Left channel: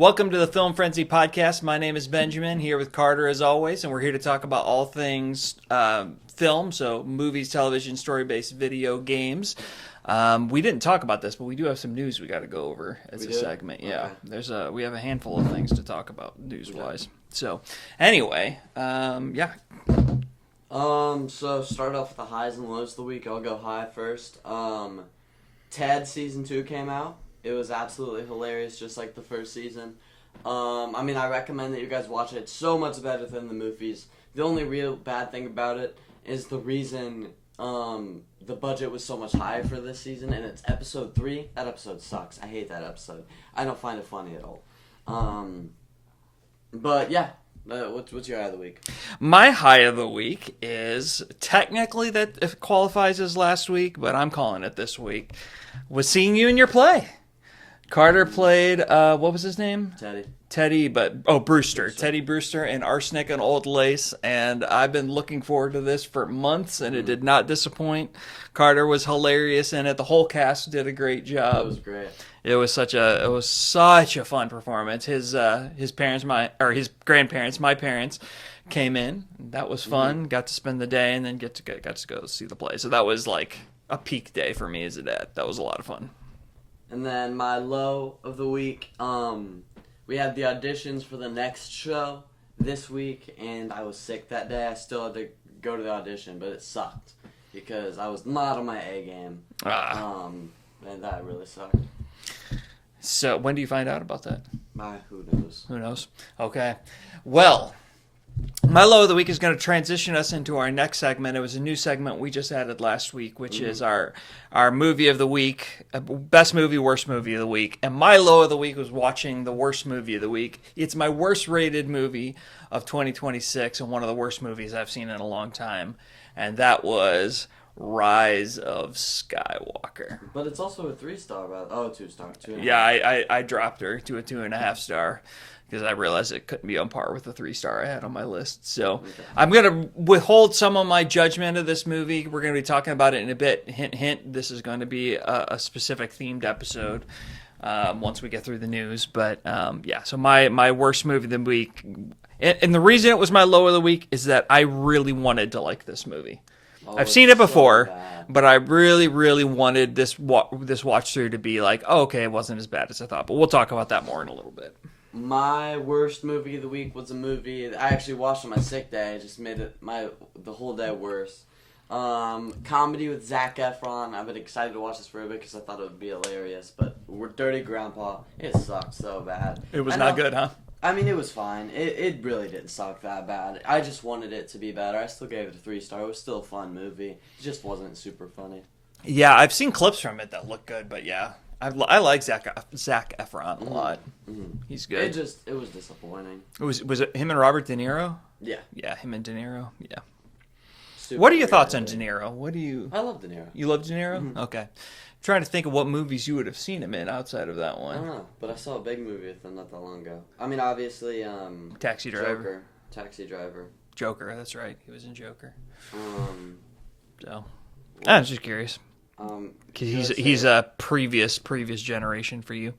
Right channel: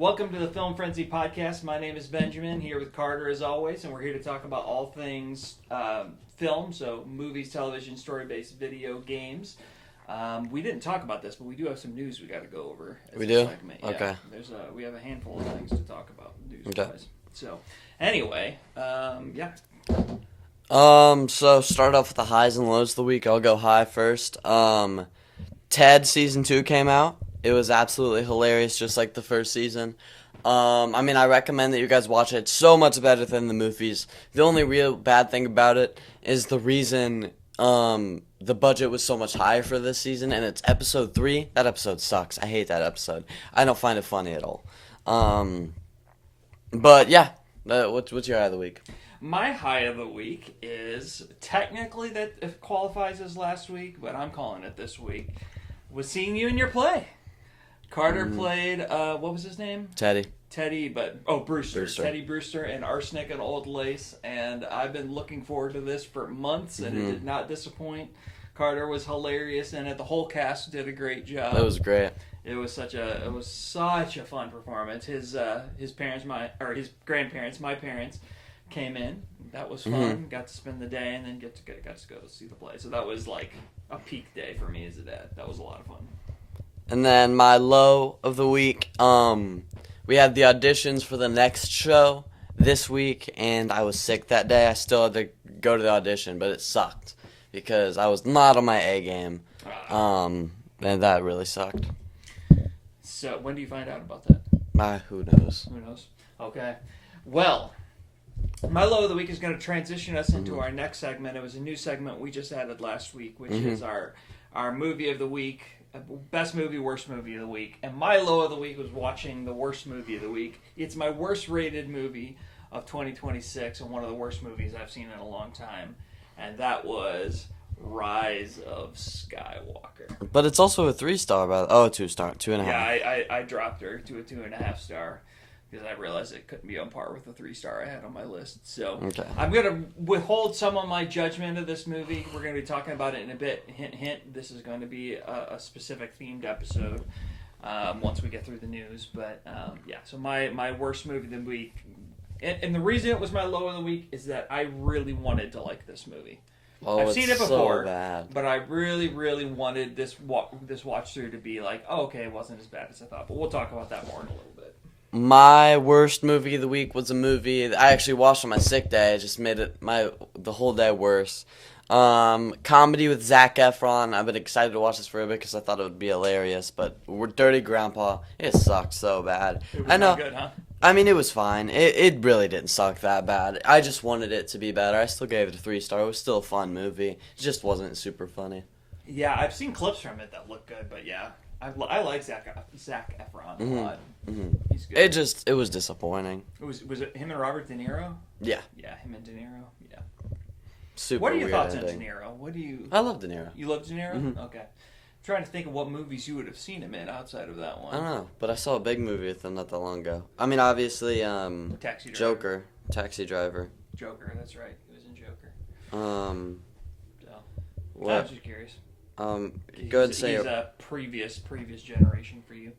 Welcome to the Film Frenzy podcast. My name is Benjamin, here with Carter as always, and we're here to talk about all things film, so movies, television, story-based video games. We didn't talk about this, but we do have some news we got to go over as a segment. Yeah, okay. We have a handful of things to talk about news-wise. Okay. So, anyway, yeah. So start off with the highs and lows of the week. I'll go high first. Ted Season 2 came out. It was absolutely hilarious, just like the first season. I recommend that you guys watch it. It's so much better than the movies. The only real bad thing about it is the reason the budget was so much higher for this season, and it's episode 3. That episode sucks. I hate that episode. I don't find it funny at all. But yeah, what's your high of the week? My high of the week is technically that it qualifies as last week, but I'm calling it this week. Was seeing you in your play. Carter played, what was his name? Brewster. Teddy Brewster in Arsenic and Old Lace, and I've been looking forward to this for months, and it did not disappoint. Carter was hilarious in it. The whole cast did a great job. That was great. It was such a fun performance. His grandparents, my parents, came in. That was fun. Got to spend the day, and then got to go see the play. So that was like a peak day for me as a dad. That was a lot of fun. And then my low of the week, we had the auditions for the next show this week, and I was sick that day. I still had to go to the audition, but it sucked because I was not on my A game. And that really sucked. So when do you find out about that? Who knows? Who knows? Okay. Well, my low of the week is going to transition us into our next segment. It was a new segment we just added last week, which is our movie of the week, best movie, worst movie of the week. And my low of the week was watching the worst movie of the week. It's my worst rated movie of 2026 and one of the worst movies I've seen in a long time. And that was Rise of Skywalker. But it's also a 3-star, 2-star, 2.5. Yeah, I dropped her to a 2.5 star. Because I realized it couldn't be on par with the 3-star I had on my list. So I'm going to withhold some of my judgment of this movie. We're going to be talking about it in a bit. Hint, hint, this is going to be a specific themed episode once we get through the news. But so my worst movie of the week. And the reason it was my low of the week is that I really wanted to like this movie. I've seen it before, but I really, really wanted this watch through to be like, oh, okay, it wasn't as bad as I thought. But we'll talk about that more in a little bit. My worst movie of the week was a movie that I actually watched on my sick day. It just made it the whole day worse. Comedy with Zac Efron. I've been excited to watch this for a bit because I thought it would be hilarious. But Dirty Grandpa, it sucked so bad. It was not good, huh? I mean, it was fine. It really didn't suck that bad. I just wanted it to be better. I still gave it a 3-star. It was still a fun movie. It just wasn't super funny. Yeah, I've seen clips from it that look good, but yeah. I like Zac Efron a lot. He's good. It was disappointing. Was it him and Robert De Niro? Yeah. Yeah, him and De Niro. Yeah. Super what are your thoughts on De Niro? I love De Niro. You love De Niro? Mm-hmm. Okay. I'm trying to think of what movies you would have seen him in outside of that one. I don't know, but I saw a big movie with him not that long ago. I mean, obviously, Taxi Driver. Joker. Taxi Driver. Joker, that's right. He was in Joker. So, I'm just curious. He's a previous generation for you.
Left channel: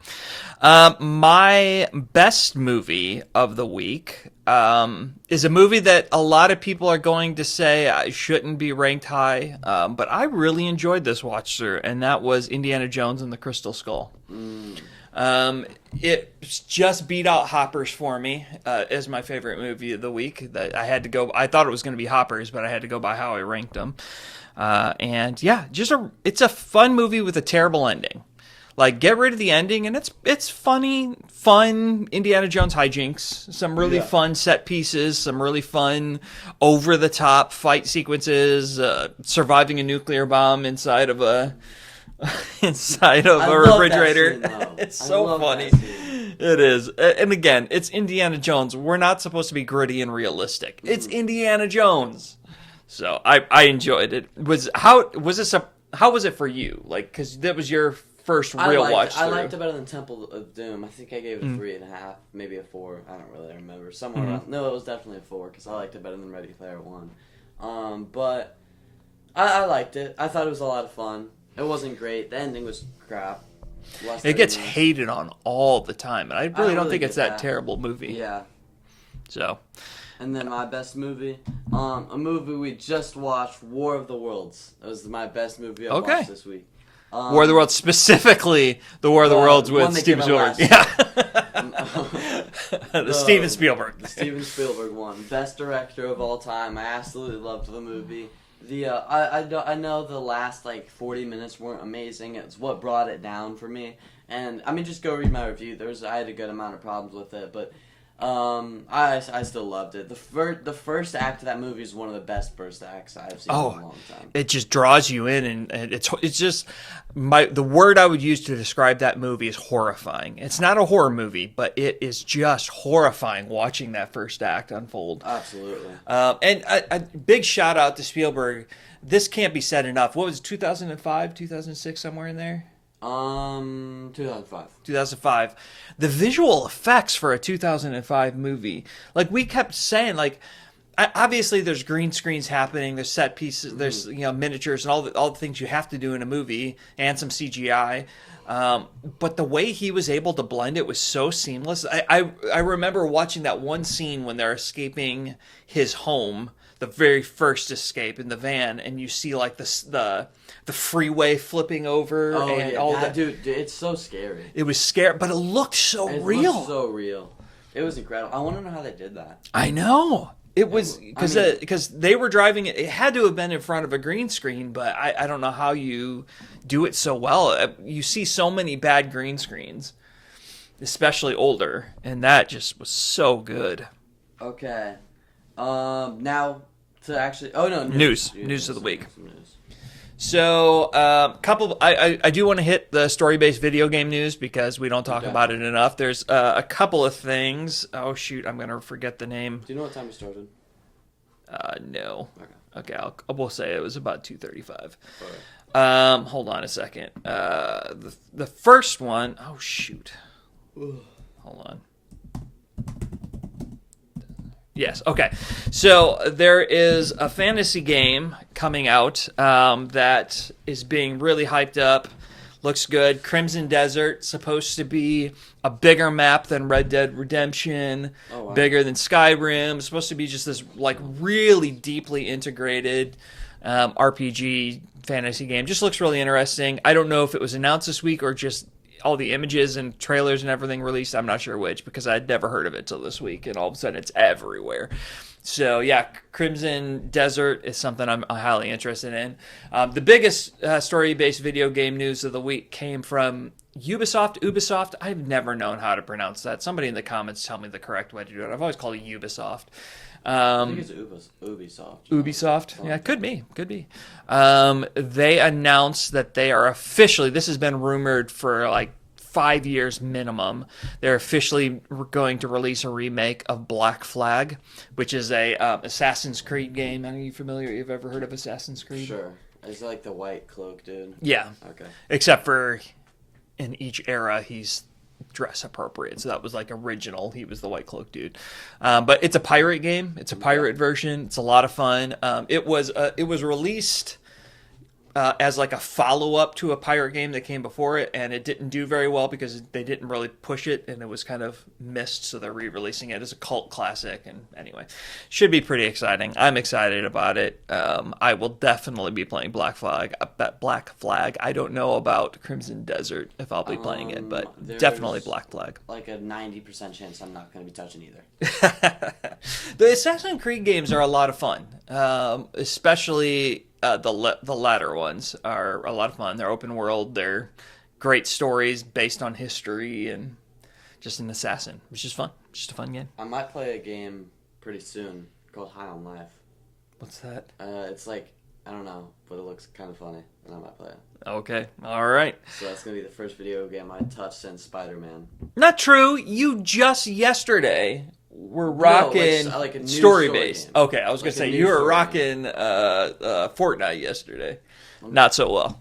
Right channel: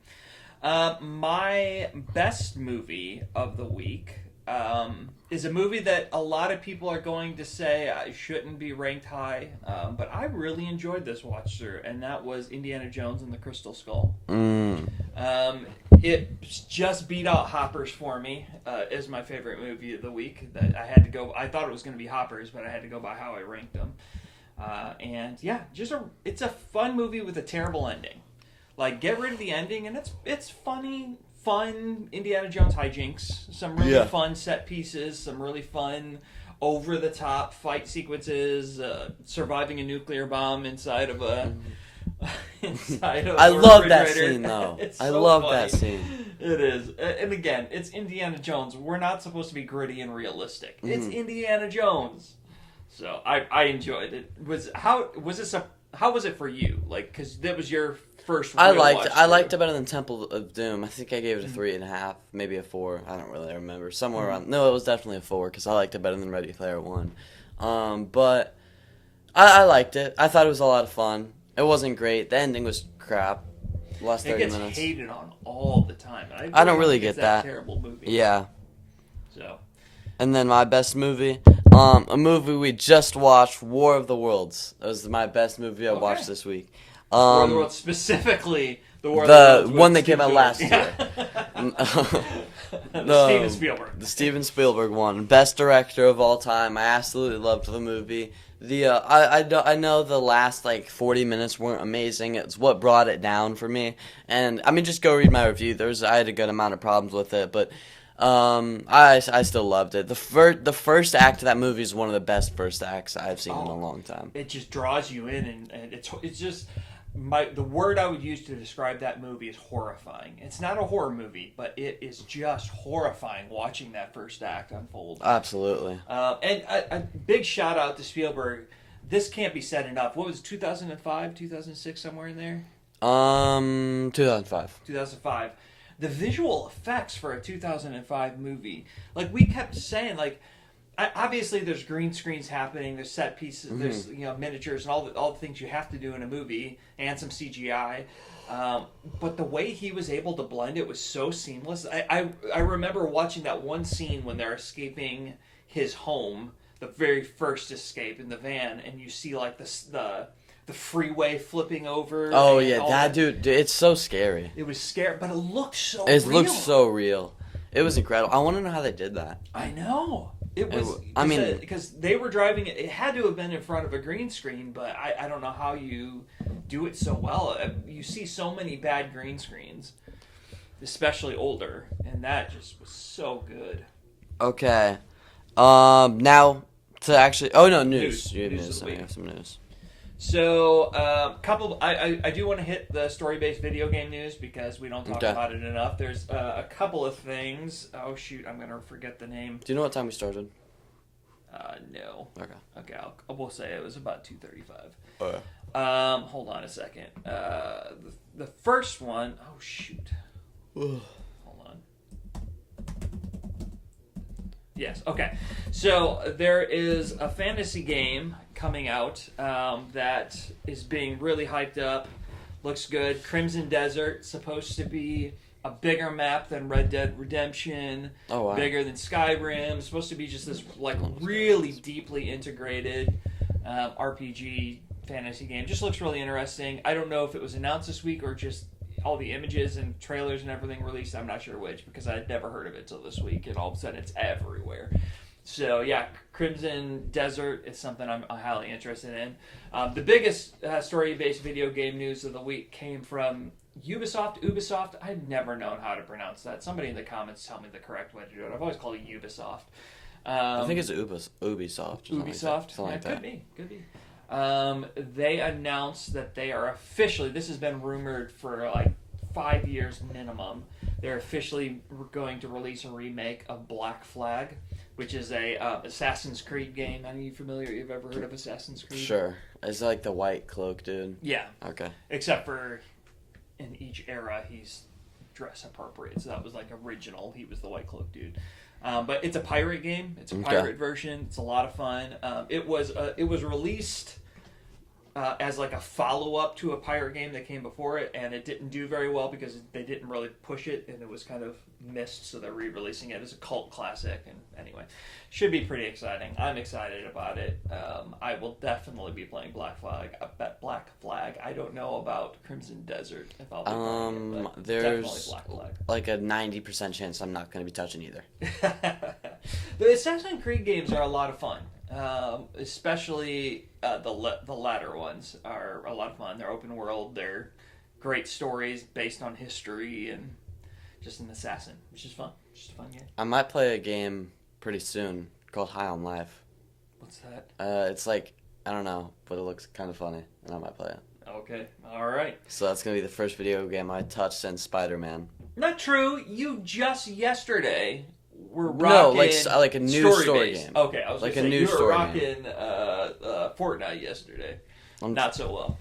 My best movie of the week is a movie that a lot of people are going to say I shouldn't be ranked high, but I really enjoyed this watch through, and that was Indiana Jones and the Crystal Skull. It just beat out Hoppers for me as my favorite movie of the week. That I had to go. I thought it was going to be Hoppers, but I had to go by how I ranked them. It's a fun movie with a terrible ending. Like, get rid of the ending, and it's funny, fun Indiana Jones hijinks, some really fun set pieces, some really fun over-the-top fight sequences, surviving a nuclear bomb inside of a refrigerator. That scene, though. It's so funny. That scene. It is. And again, it's Indiana Jones. We're not supposed to be gritty and realistic. It's Indiana Jones. So I enjoyed it. How was it for you? Like, because that was your first real watch. I liked it better than Temple of Doom. I think I gave it a 3.5, maybe a 4. I don't really remember. Somewhere around. No, it was definitely a 4 because I liked it better than Ready Player One. But I liked it. I thought it was a lot of fun. It wasn't great. The ending was crap. Last It 30 gets minutes. hated on all the time, and I don't really think get it's that that. terrible movie. Yeah. So, And then my best movie, a movie we just watched, War of the Worlds. That was my best movie I watched this week. War of the Worlds, specifically the War of the Worlds with one that Steven came out Spielberg. last Yeah. The Steven Spielberg. The Steven Spielberg one, best director of all time. I absolutely loved the movie. I know the last like 40 minutes weren't amazing. It's what brought it down for me. And I mean, just go read my review. I had a good amount of problems with it, but I still loved it. The first act of that movie is one of the best first acts I've seen in a long time. It just draws you in, and it's just the word I would use to describe that movie is horrifying. It's not a horror movie, but it is just horrifying watching that first act unfold. Absolutely. And a big shout out to Spielberg. This can't be said enough. What was it, 2005, 2006, somewhere in there? 2005. 2005. The visual effects for a 2005 movie, like we kept saying, like obviously there's green screens happening, there's set pieces, there's miniatures and all the things you have to do in a movie, and some CGI. But the way he was able to blend it was so seamless. I remember watching that one scene when they're escaping his home, the very first escape in the van, and you see like the freeway flipping over. Oh and yeah, all that dude, it's so scary. It was scary, but it looked so real. It looked so real. It was incredible. I want to know how they did that. I know. It was I because they were driving it. It had to have been in front of a green screen, but I don't know how you do it so well. You see so many bad green screens, especially older, and that just was so good. Okay. Now to actually. Oh no, news. News of the week. Some news. So, I do want to hit the story-based video game news because we don't talk about it enough. There's a couple of things. Oh shoot, I'm gonna forget the name. Do you know what time we started? No. Okay. Okay, we'll say it was about 2:35. Okay. Hold on a second. The first one. Oh shoot. Hold on. Yes. Okay. So there is a fantasy game coming out that is being really hyped up. Looks good. Crimson Desert, supposed to be a bigger map than Red Dead Redemption. Oh, wow. Bigger than Skyrim. Supposed to be just this like really deeply integrated RPG fantasy game. Just looks really interesting. I don't know if it was announced this week or just all the images and trailers and everything released. I'm not sure which, because I'd never heard of it till this week, and all of a sudden it's everywhere. So yeah, Crimson Desert is something I'm highly interested in. The biggest story-based video game news of the week came from Ubisoft. I've never known how to pronounce that. Somebody in the comments tell me the correct way to do it. I've always called it Ubisoft. I think it's Ubisoft. Ubisoft? Yeah, could be. They announced that they are officially, this has been rumored for like 5 years minimum, they're officially going to release a remake of Black Flag, which is a Assassin's Creed game. Are you familiar? You've ever heard of Assassin's Creed? Sure. Is it like the white cloak dude? Yeah. Okay. Except for in each era, he's dress appropriate. So that was like original. He was the white cloak dude. But it's a pirate game. It's a pirate version. It's a lot of fun. It was released as like a follow-up to a pirate game that came before it, and it didn't do very well because they didn't really push it, and it was kind of missed, so they're re-releasing it as a cult classic. And anyway, should be pretty exciting. I'm excited about it. I will definitely be playing Black Flag. I don't know about Crimson Desert if I'll be playing it, but definitely Black Flag. Like a 90% chance I'm not going to be touching either. The Assassin's Creed games are a lot of fun, especially the latter ones are a lot of fun. They're open world. They're great stories based on history and just an assassin. It's just fun. Just a fun game. I might play a game pretty soon called High on Life. What's that? It's like, I don't know, but it looks kind of funny, and I might play it. Okay. All right. So that's going to be the first video game I touched since Spider-Man. Not true. You just yesterday were rocking like a new story-based. game. Okay, I was Like going to say, you were rocking Fortnite yesterday. Not so well.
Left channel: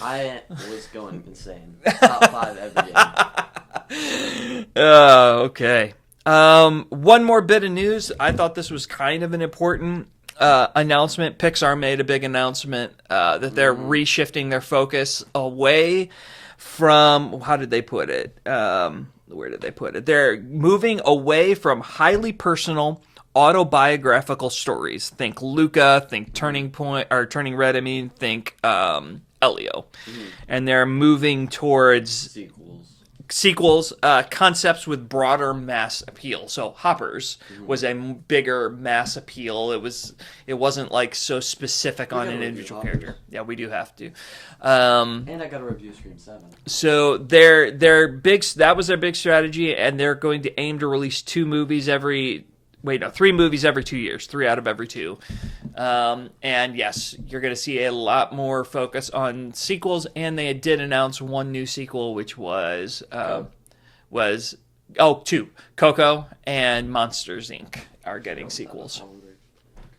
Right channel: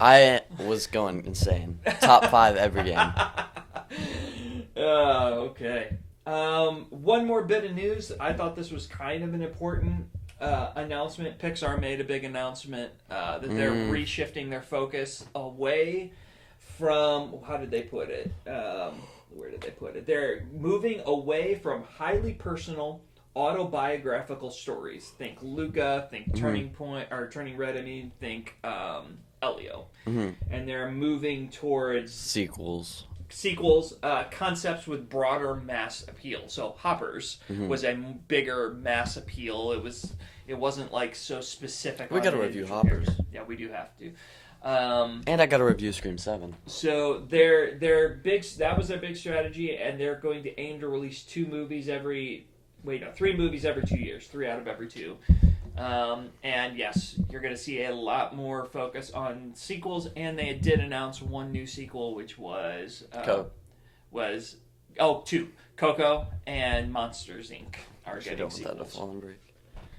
I was going insane. Top 5 every game. Okay. One more bit of news. I thought this was kind of an important announcement. Pixar made a big announcement that they're reshifting their focus away from, how did they put it? Where did they put it? They're moving away from highly personal autobiographical stories. Think Luca, think Turning Point, or Turning Red, I mean, think Elio. And they're moving towards sequels, concepts with broader mass appeal. So Hoppers was a bigger mass appeal. It wasn't like so specific on an individual character. Yeah, we do have to. And I got to review Scream 7. So their big, that was their big strategy, and they're going to aim to release 3 movies every 2 years, 3 out of every 2. And yes, you're going to see a lot more focus on sequels, and they did announce one new sequel, which was 2. Coco and Monsters Inc. are getting sequels.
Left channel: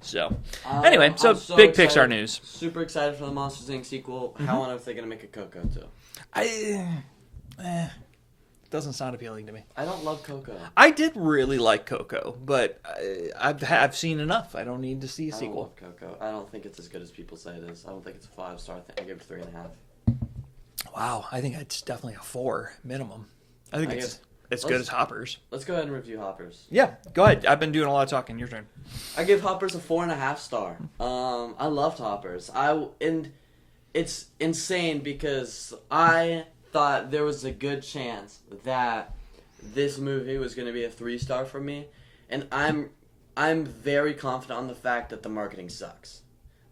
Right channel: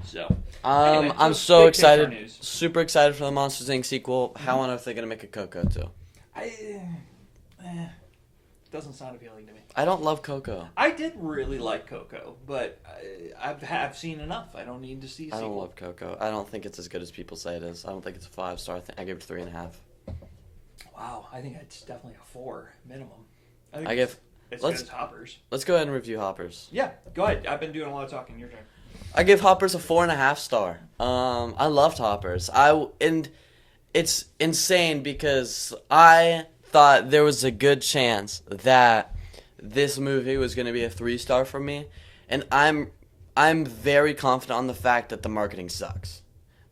So anyway, I'm so big excited, Pixar news. Super excited for the Monsters Inc. sequel. How on earth are they going to make a Coco too? Doesn't sound appealing to me. I don't love Coco. I did really like Coco, but I've seen enough. I don't need to see a sequel. I don't love Coco. I don't think it's as good as people say it is. I don't think it's a 5-star. I give it 3.5. Wow, I think it's definitely a 4 minimum. I think it's good as Hoppers. Let's go ahead and review Hoppers. Yeah, go ahead. I've been doing a lot of talking. Your turn. I give Hoppers a 4.5 star. I loved Hoppers. And it's insane because I thought there was a good chance that this movie was going to be a 3-star for me, and I'm very confident on the fact that the marketing sucks.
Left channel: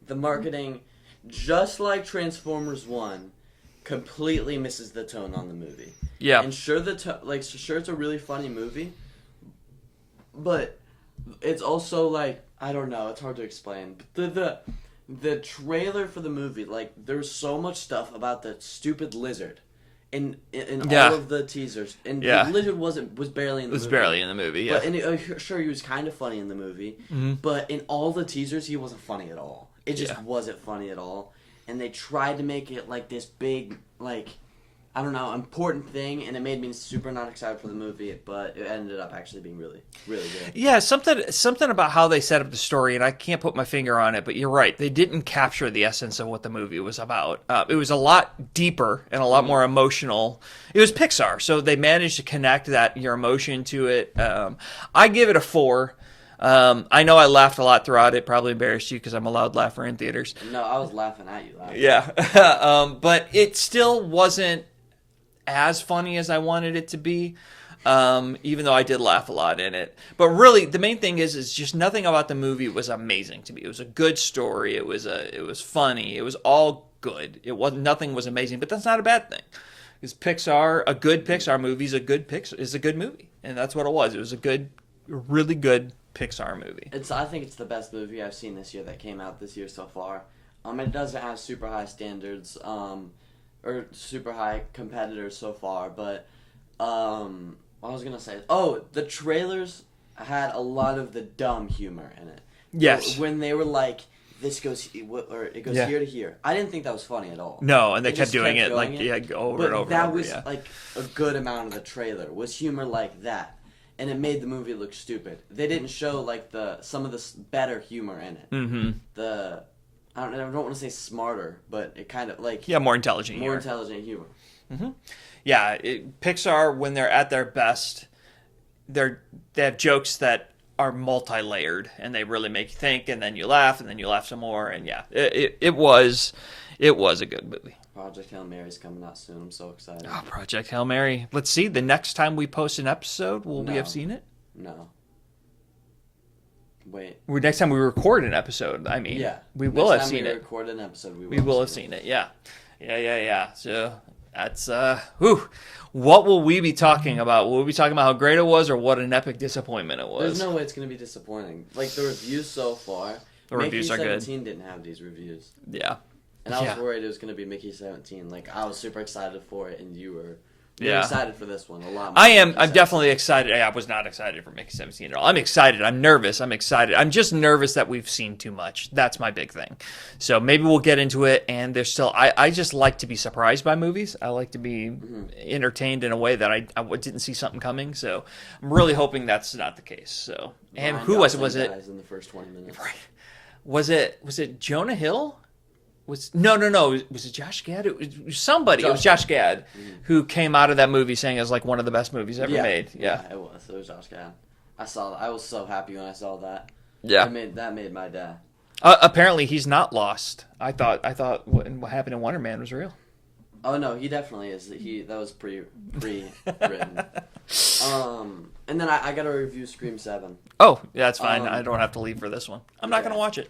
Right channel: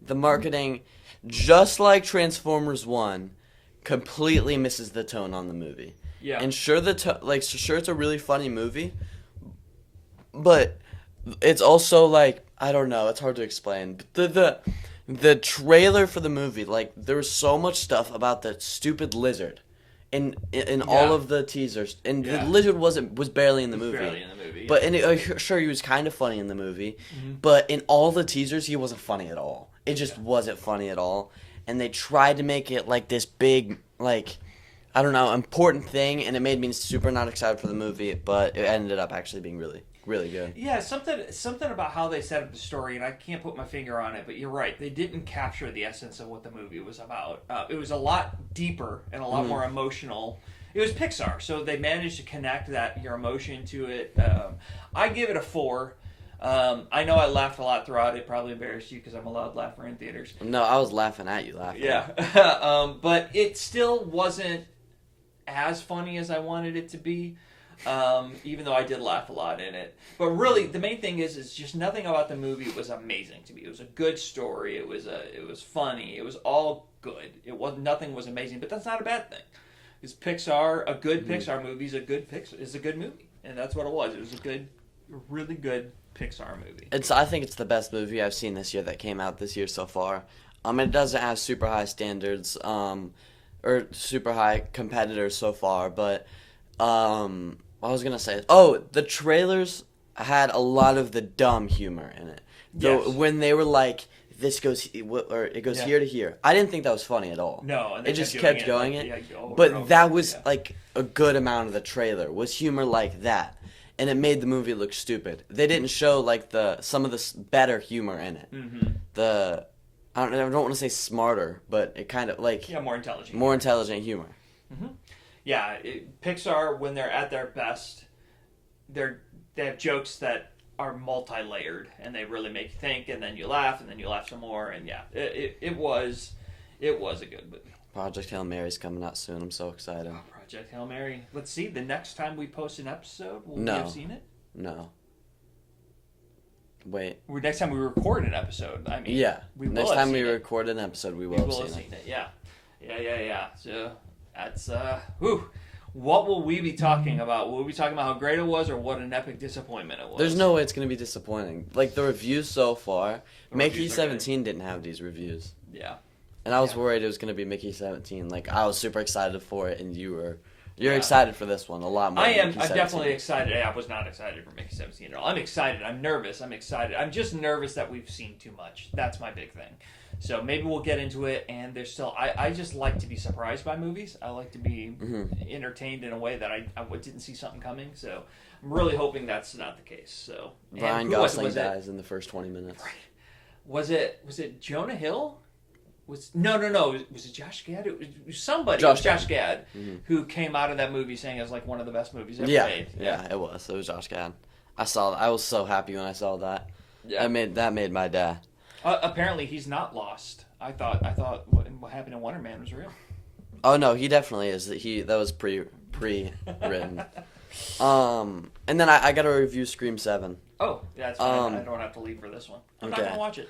The marketing, just like Transformers 1, completely misses the tone on the movie. Yeah. And sure sure it's a really funny movie, but it's also like, I don't know, it's hard to explain. But the trailer for the movie, like, there was so much stuff about the stupid lizard in all of the teasers, and the lizard was barely in the movie. Barely in the movie, yeah. But sure, he was kind of funny in the movie, but in all the teasers, he wasn't funny at all. It just wasn't funny at all, and they tried to make it like this big, like, I don't know, important thing, and it made me super not excited for the movie, but it ended up actually being really, really good. Yeah, something about how they set up the story, and I can't put my finger on it, but you're right. They didn't capture the essence of what the movie was about. It was a lot deeper and a lot more emotional. It was Pixar, so they managed to connect your emotion to it. I give it a 4. I know I laughed a lot throughout it. Probably embarrassed you because I'm a loud laugher in theaters. No, I was laughing at you laughing. Yeah. But it still wasn't as funny as I wanted it to be, even though I did laugh a lot in it. But really, the main thing is just nothing about the movie was amazing to me. It was a good story. It was funny. It was all good. Nothing was amazing, but that's not a bad thing. Because Pixar, a good Pixar movie is a good movie, and that's what it was. It was a really good Pixar movie. I think it's the best movie I've seen this year that came out this year so far. It doesn't have super high standards, or super high competitors so far, but what I was gonna say, the trailers had a lot of the dumb humor in it. Yes. When they were like, this goes, or it goes here to here. I didn't think that was funny at all. No, and they kept doing it over and over. But that was like a good amount of the trailer was humor like that, and it made the movie look stupid. They didn't show like some of the better humor in it. Mm-hmm. I don't want to say smarter, but it kind of like more intelligent. More intelligent humor. Mm-hmm. Yeah, Pixar, when they're at their best, they have jokes that are multi-layered, and they really make you think, and then you laugh, and then you laugh some more, and it was a good movie. Project Hail Mary's coming out soon. I'm so excited. Oh, Project Hail Mary. Let's see. The next time we post an episode, will we have seen it? No. Wait. Next time we record an episode, I mean, we will have seen it. Next time we record an episode, we will have seen it. Yeah. So that's what will we be talking about? Will we be talking about how great it was, or what an epic disappointment it was? There's no way it's going to be disappointing. Like the reviews so far, Mickey 17 didn't have these reviews. Yeah. And I was worried it was going to be Mickey 17. Like I was super excited for it, and you're excited for this one a lot more. I'm definitely excited. I was not excited for Mickey 17 at all. I'm excited. I'm nervous. I'm excited. I'm just nervous that we've seen too much. That's my big thing. So maybe we'll get into it. And there's still, I just like to be surprised by movies. I like to be entertained in a way that I didn't see something coming. So I'm really hoping that's not the case. So and who was it? In the first 20 minutes. Right. Was it Jonah Hill? No. Was it Josh Gad? It was somebody. It was Josh Gad who came out of that movie saying it's like one of the best movies ever made. Yeah, it was. It was Josh Gad. I saw. I was so happy when I saw that. Yeah, that made my day. Apparently, he's not lost. I thought what happened in Wonder Man was real. Oh no, he definitely is. That was pre-written. And then I got to review Scream 7. Oh, yeah, that's fine. I don't have to leave for this one. I'm not gonna watch it.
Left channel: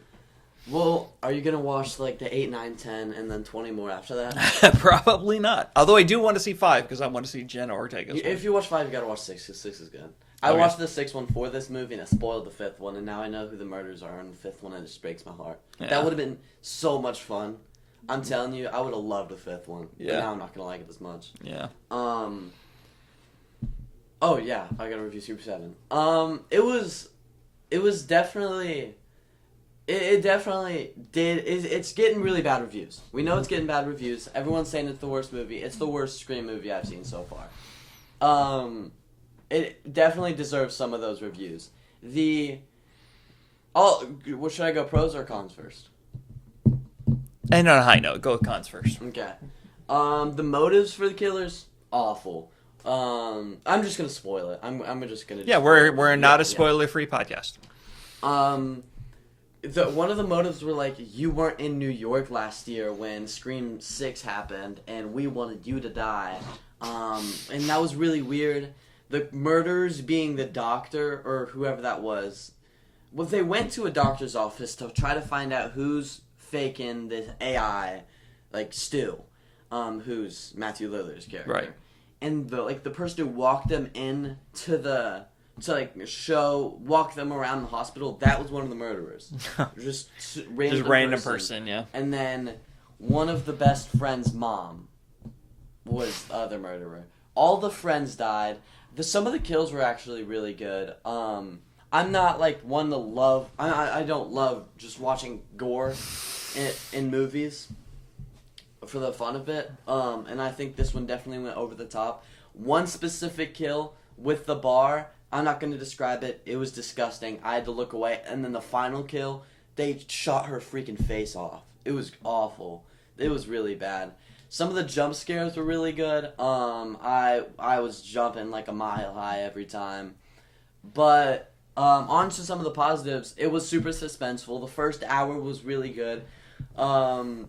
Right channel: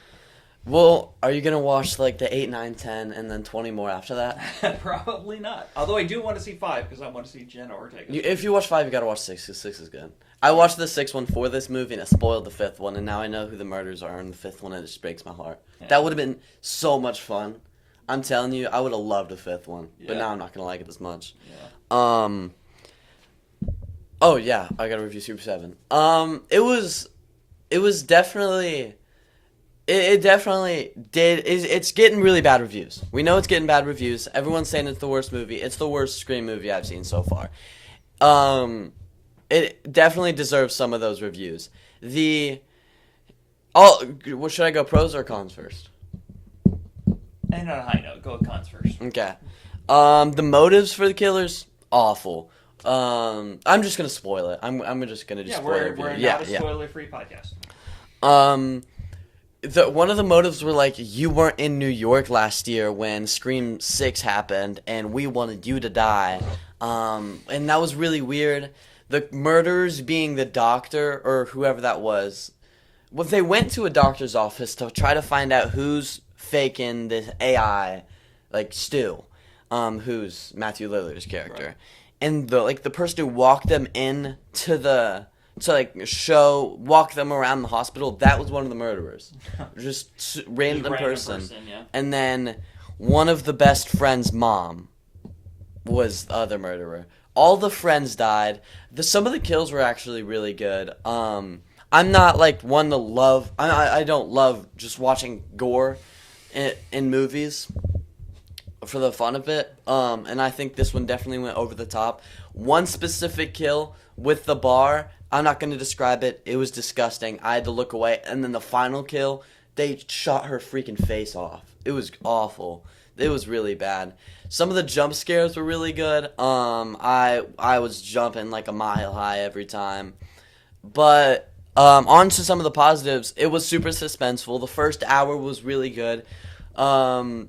Well, are you gonna watch like the 8, 9, 10, and then 20 more after that? Probably not. Although I do want to see 5 because I want to see Jenna Ortega. If you watch 5, you gotta watch 6 because 6 is good. I watched the 6th one for this movie and it spoiled the 5th one, and now I know who the murderers are in the 5th one, and it just breaks my heart. Yeah. That would have been so much fun. I'm telling you, I would have loved the 5th one, but now I'm not gonna like it as much. Yeah. Oh yeah, I gotta review Super 7. It was definitely. It definitely did. It's getting really bad reviews. We know it's getting bad reviews. Everyone's saying it's the worst movie. It's the worst Scream movie I've seen so far. It definitely deserves some of those reviews. Should I go pros or cons first? And on a high note, go with cons first. Okay. The motives for the killers, awful. I'm just gonna spoil it. I'm just gonna. Yeah, we're not a spoiler-free podcast. One of the motives were like, you weren't in New York last year when Scream 6 happened, and we wanted you to die. And that was really weird. The murderers being the doctor, or whoever that was, well, they went to a doctor's office to try to find out who's faking this AI, like Stu, who's Matthew Lillard's character. Right. And the person who walked them in to walk them around the hospital, that was one of the murderers. Just random person, yeah. And then one of the best friend's mom was the other murderer. All the friends died. Some of the kills were actually really good. I'm not like one to love. I don't love just watching gore in movies for the fun of it. And I think this one definitely went over the top. One specific kill with the bar, I'm not going to describe it. It was disgusting. I had to look away. And then the final kill, they shot her freaking face off. It was awful. It was really bad. Some of the jump scares were really good. I was jumping like a mile high every time. But on to some of the positives. It was super suspenseful. The first hour was really good. A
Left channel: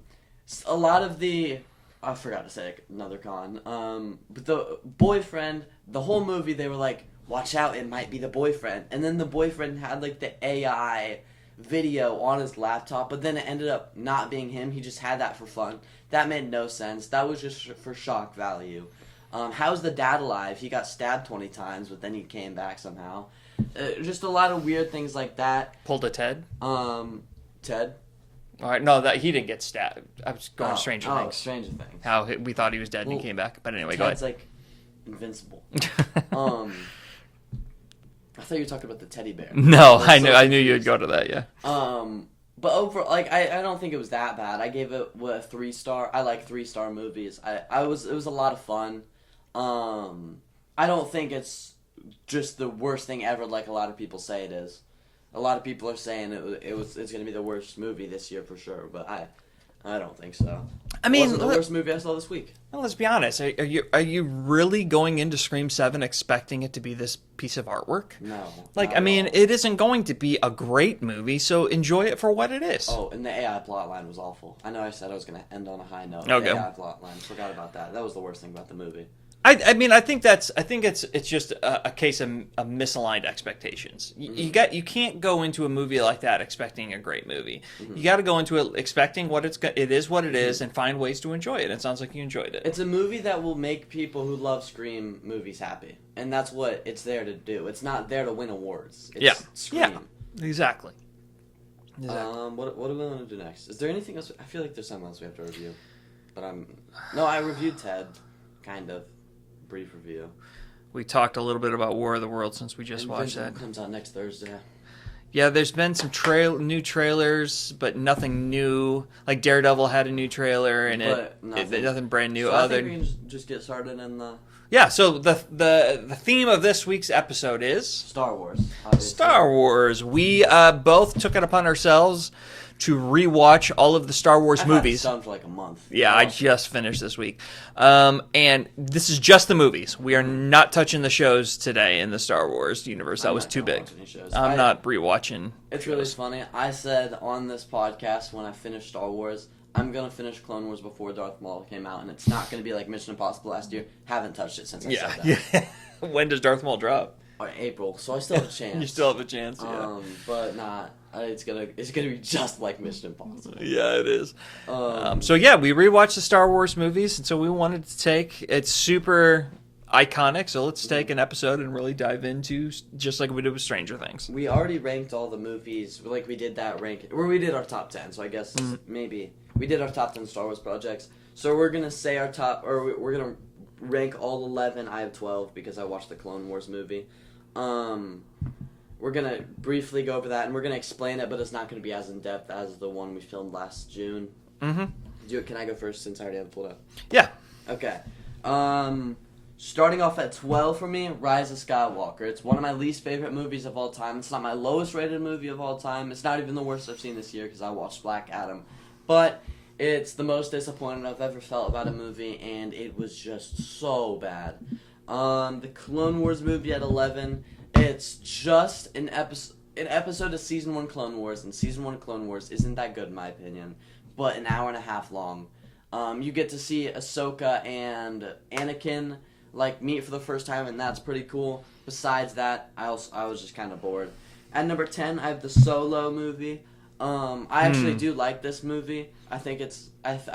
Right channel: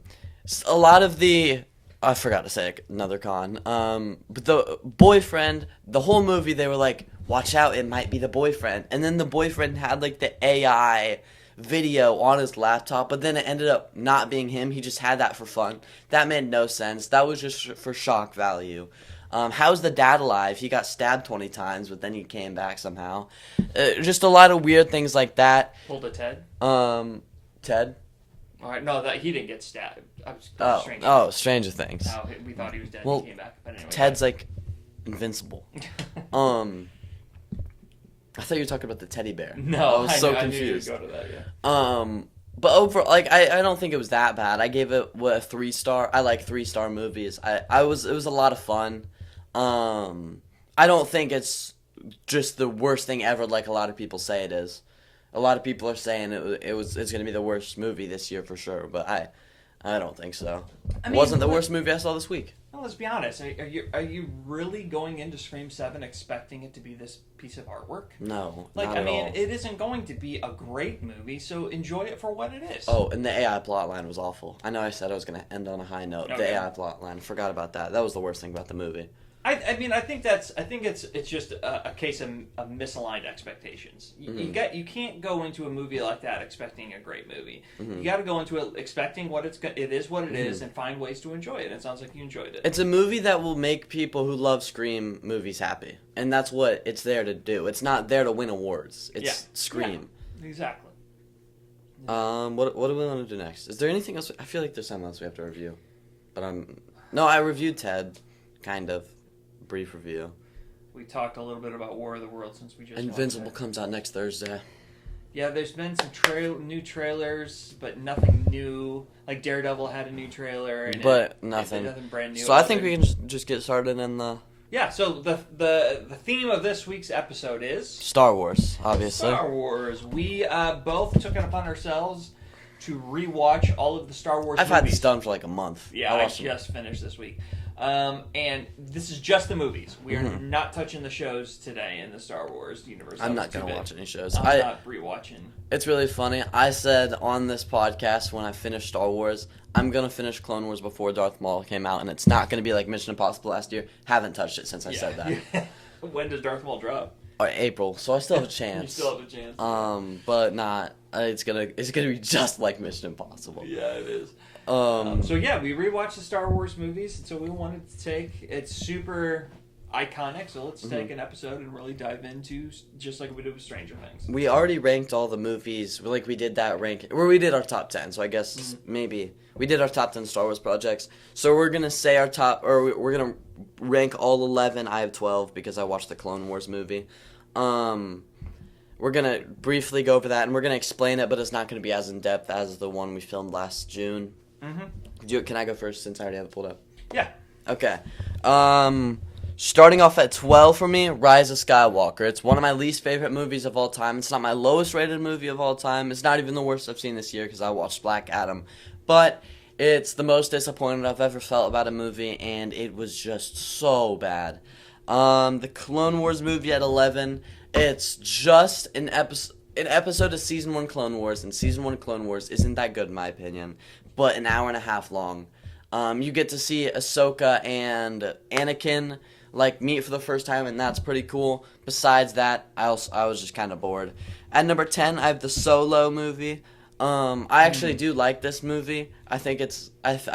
lot of the... I forgot to say another con. But the boyfriend, the whole movie, they were like, watch out, it might be the boyfriend. And then the boyfriend had like the AI video on his laptop, but then it ended up not being him. He just had that for fun. That made no sense. That was just for shock value. How's the dad alive? He got stabbed 20 times, but then he came back somehow. Just a lot of weird things like that. Pulled a Ted? Ted? All right, no, that he didn't get stabbed. I was going to Stranger Things. Stranger Things. How we thought he was dead and he came back. But anyway, Ted's like invincible. I thought you were talking about the teddy bear. No, I knew you'd go to that, yeah. But overall, like I don't think it was that bad. I gave it a 3-star. I like 3-star movies. It was a lot of fun. I don't think it's just the worst thing ever, like a lot of people say it is. A lot of people are saying it's going to be the worst movie this year for sure, but I don't think so. I mean, it wasn't the worst movie I saw this week. Well, let's be honest. Are you really going into Scream 7 expecting it to be this piece of artwork? No. Like, I mean, it isn't going to be a great movie, so enjoy it for what it is. Oh, and the AI plotline was awful. I know I said I was going to end on a high note. Okay. The AI plotline, forgot about that. That was the worst thing about the movie. I mean, I think it's just a case of misaligned expectations. You can't go into a movie like that expecting a great movie. Mm-hmm. You got to go into it expecting it is what it is, and find ways to enjoy it. It sounds like you enjoyed it. It's a movie that will make people who love Scream movies happy, and that's what it's there to do. It's not there to win awards. It's Scream. Yeah, exactly. What do we want to do next? Is there anything else? I feel like there's something else we have to review, but I reviewed Ted, kind of. Brief review. We talked a little bit about War of the Worlds since we just watched that. Invincible comes out next Thursday. Yeah, there's been some new trailers, but nothing new. Like Daredevil had a new trailer, and nothing brand new. So I think we can just get started in the... Yeah, so the theme of this week's episode is... Star Wars, obviously. Star Wars. We both took it upon ourselves to rewatch all of the Star Wars I've had this movies. done for like a month. Yeah, I just finished this week. And this is just the movies. We are not touching the shows today in the Star Wars universe. That I'm was not too gonna big. watch any shows. I'm not rewatching. It's really funny. I said on this podcast when I finished Star Wars, I'm going to finish Clone Wars before Darth Maul came out, and it's not going to be like Mission Impossible last year. Haven't touched it since I said that. Yeah. When does Darth Maul drop? Or April, so I still have a chance. You still have a chance. Yeah. But not. It's gonna be just like Mission Impossible. Yeah, it is. So yeah, we rewatched the Star Wars movies, and so we wanted to take it's super iconic. So let's take an episode and really dive into just like we did with Stranger Things. We already ranked all the movies. Like we did that rank where we did our top 10. So I guess maybe we did our top 10 Star Wars projects. So we're gonna say our top, or we're gonna rank all 11. I have 12 because I watched the Clone Wars movie. We're gonna briefly go over that, and we're gonna explain it, but it's not gonna be as in depth as the one we filmed last June. Mm-hmm. Can I go first since I already have it pulled up? Yeah. Okay. Starting off at 12 for me, Rise of Skywalker. It's one of my least favorite movies of all time. It's not my lowest rated movie of all time. It's not even the worst I've seen this year because I watched Black Adam. But it's the most disappointed I've ever felt about a movie, and it was just so bad. The Clone Wars movie at 11. It's just an episode of Season 1 Clone Wars, and Season 1 Clone Wars isn't that good in my opinion, but an hour and a half long. You get to see Ahsoka and Anakin like meet for the first time, and that's pretty cool. Besides that, I was just kind of bored. At number 10, I have the Solo movie. I actually do like this movie. I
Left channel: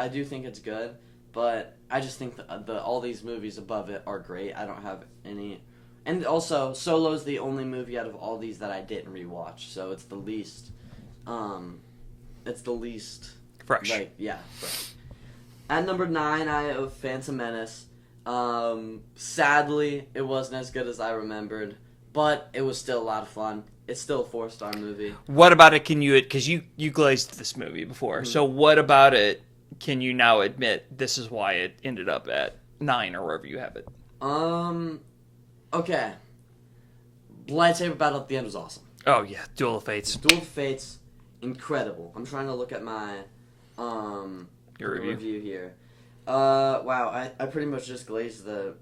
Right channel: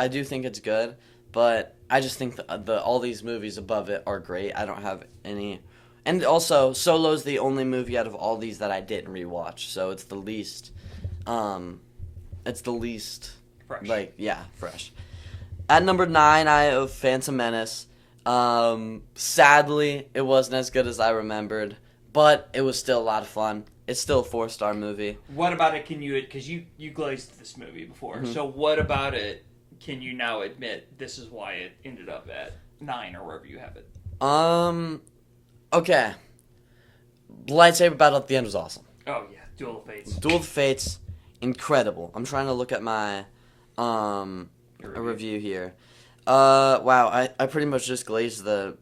do think it's good, but I just think all these movies above it are great. I don't have any. And also, Solo's the only movie out of all these that I didn't rewatch, so it's the least. Fresh. Fresh. At number 9, I have Phantom Menace. Sadly, it wasn't as good as I remembered, but it was still a lot of fun. It's still a 4-star movie. What about it? Can you? Because you glazed this movie before. So what about it? Can you now admit this is why it ended up at 9 or wherever you have it? Okay. Lightsaber battle at the end was awesome. Oh yeah, Duel of Fates. Duel of Fates, incredible. I'm trying to look at my Your review here. Wow, I pretty much just glazed the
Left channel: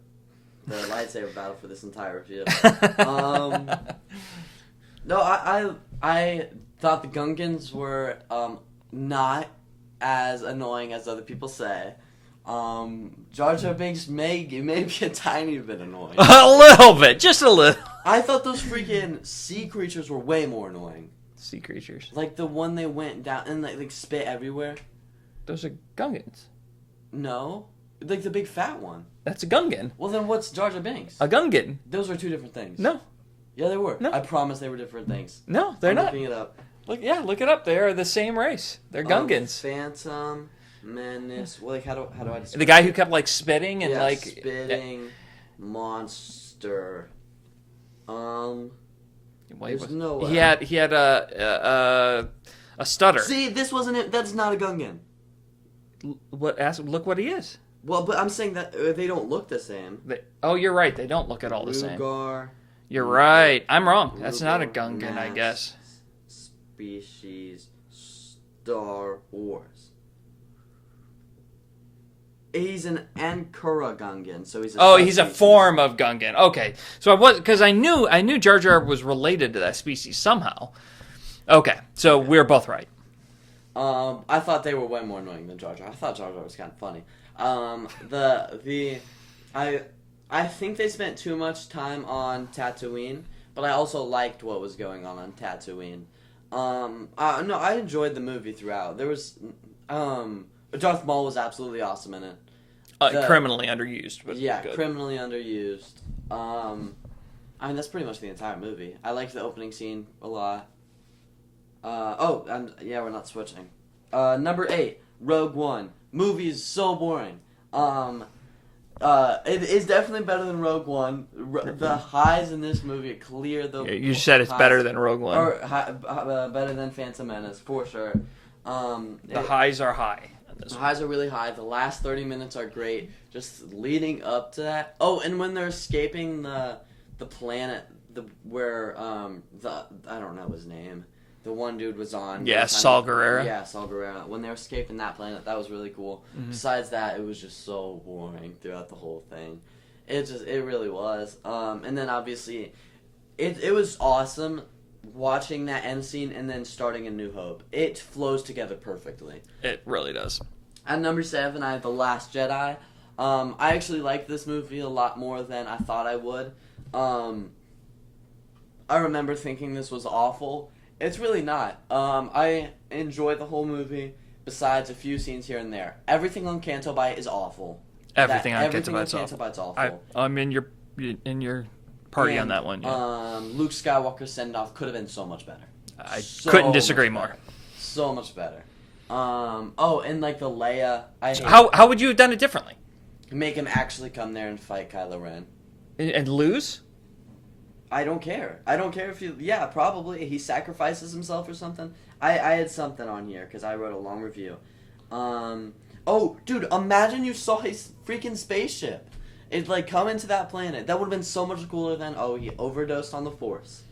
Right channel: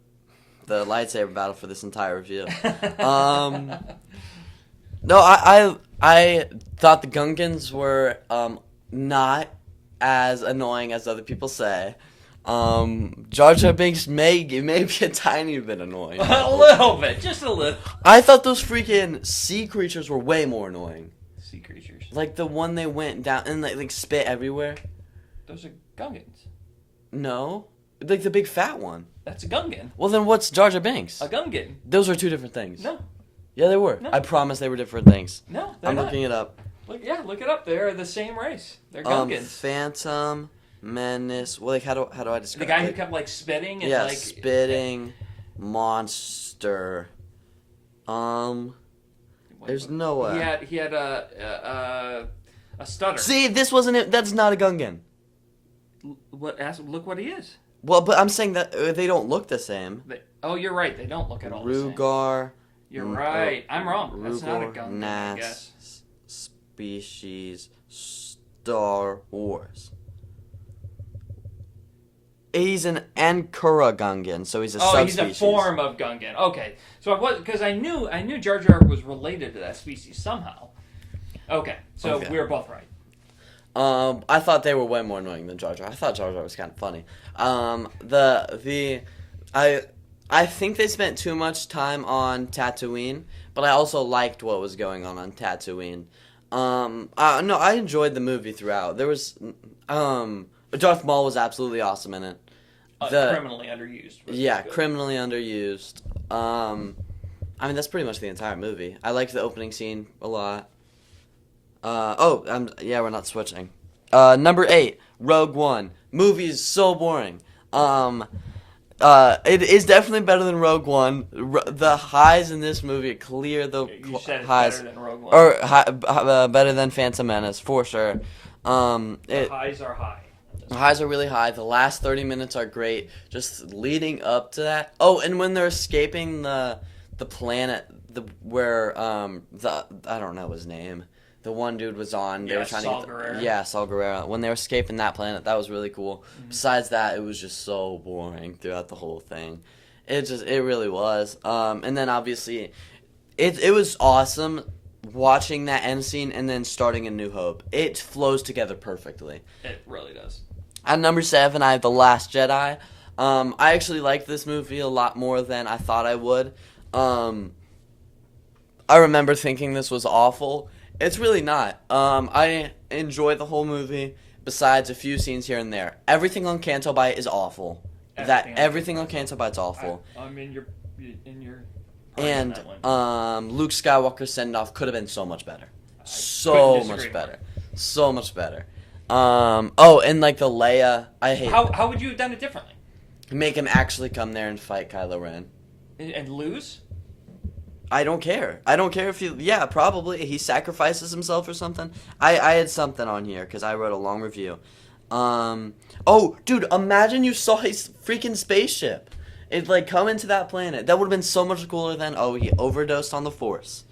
lightsaber battle for this entire review. No, I thought the Gungans were not as annoying as other people say. Jar Jar Binks may be a tiny bit annoying. A little bit, just a little. I thought those freaking sea creatures were way more annoying. Sea creatures. Like the one they went down and like spit everywhere. Those are Gungans. No, like the big fat one. That's a Gungan. Well, then what's Jar Jar Binks? A Gungan. Those are two different things. No. Yeah, they were. No. I promise they were different things. No, they're I'm not. looking it up. Look it up. They are the same race. They're Gungans. Phantom Menace. Well, like how do I describe The guy who kept like spitting and like spitting monster. There's no way. He had a stutter. See, this wasn't it. That's not a Gungan. Look what he is. Well, but I'm saying that they don't look the same. You're right. They don't look at all the same. Rugar. You're right. I'm wrong. That's not a Gungan, I guess. Species Star Wars. He's an Ankara Gungan, so he's a he's a form of Gungan. Okay, so I knew Jar Jar was related to that species somehow. Okay, so we're both right. I thought they were way more annoying than Jar Jar. I thought Jar Jar was kind of funny. I think they spent too much time on Tatooine, but I also liked what was going on Tatooine. No, I enjoyed the movie throughout. There was, Darth Maul was absolutely awesome in it. Criminally underused. Criminally underused. I mean, that's pretty much the entire movie. I liked the opening scene a lot. We're not switching. Number 8, Rogue One. Movie is so boring. It is definitely better than Rogue One. The highs in this movie clear the. You said it's better than Rogue One. Or better than Phantom Menace for sure. The highs are high. The highs are really high. The last 30 minutes are great. Just leading up to that. Oh, and when they're escaping the planet, I don't know his name. the one dude was on. Yeah, Saul Guerrero. Yeah, Saul Guerrero. When they were escaping that planet, that was really cool. Besides that, it was just so boring throughout the whole thing. It really was. And then obviously, it was awesome watching that end scene and then starting A New Hope. It flows together perfectly. It really does. At number 7, I have The Last Jedi. I actually liked this movie a lot more than I thought I would. I remember thinking this was awful. It's really not. I enjoy the whole movie, besides a few scenes here and there. Everything on Canto Bight is awful. Everything on Canto Bight's awful. I'm in your party on that one. Yeah. Luke Skywalker's send-off could have been so much better. I couldn't disagree more. So much better. And like the Leia, How would you have done it differently? Make him actually come there and fight Kylo Ren. And lose? I don't care. I don't care if probably he sacrifices himself or something. I had something on here because I wrote a long review. Dude, imagine you saw his freaking spaceship. It like come into that planet. That would have been so much cooler than he overdosed on the Force.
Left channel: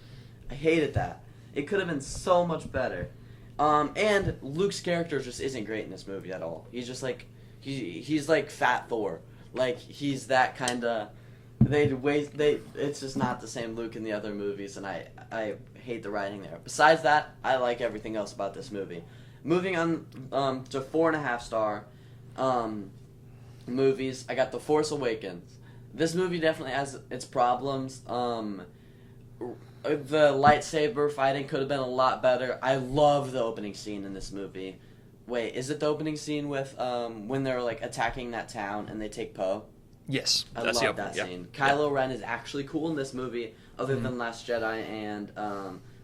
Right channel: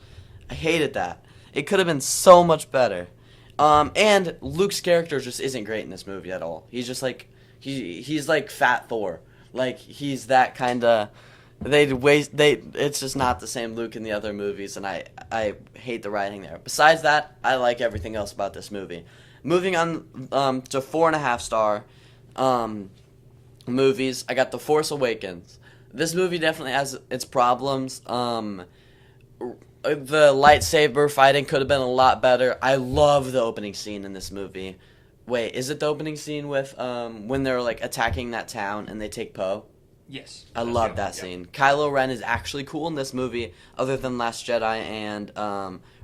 I hated that. It could have been so much better. And Luke's character just isn't great in this movie at all. He's just like he's like Fat Thor. Like he's that kind of. It's just not the same Luke in the other movies, and I hate the writing there. Besides that, I like everything else about this movie. Moving on to 4.5 star movies, I got The Force Awakens. This movie definitely has its problems. The lightsaber fighting could have been a lot better. I love the opening scene in this movie. Wait, is it the opening scene with when they're like attacking that town and they take Poe? Yes. I love that scene. Kylo Ren is actually cool in this movie, other than Last Jedi and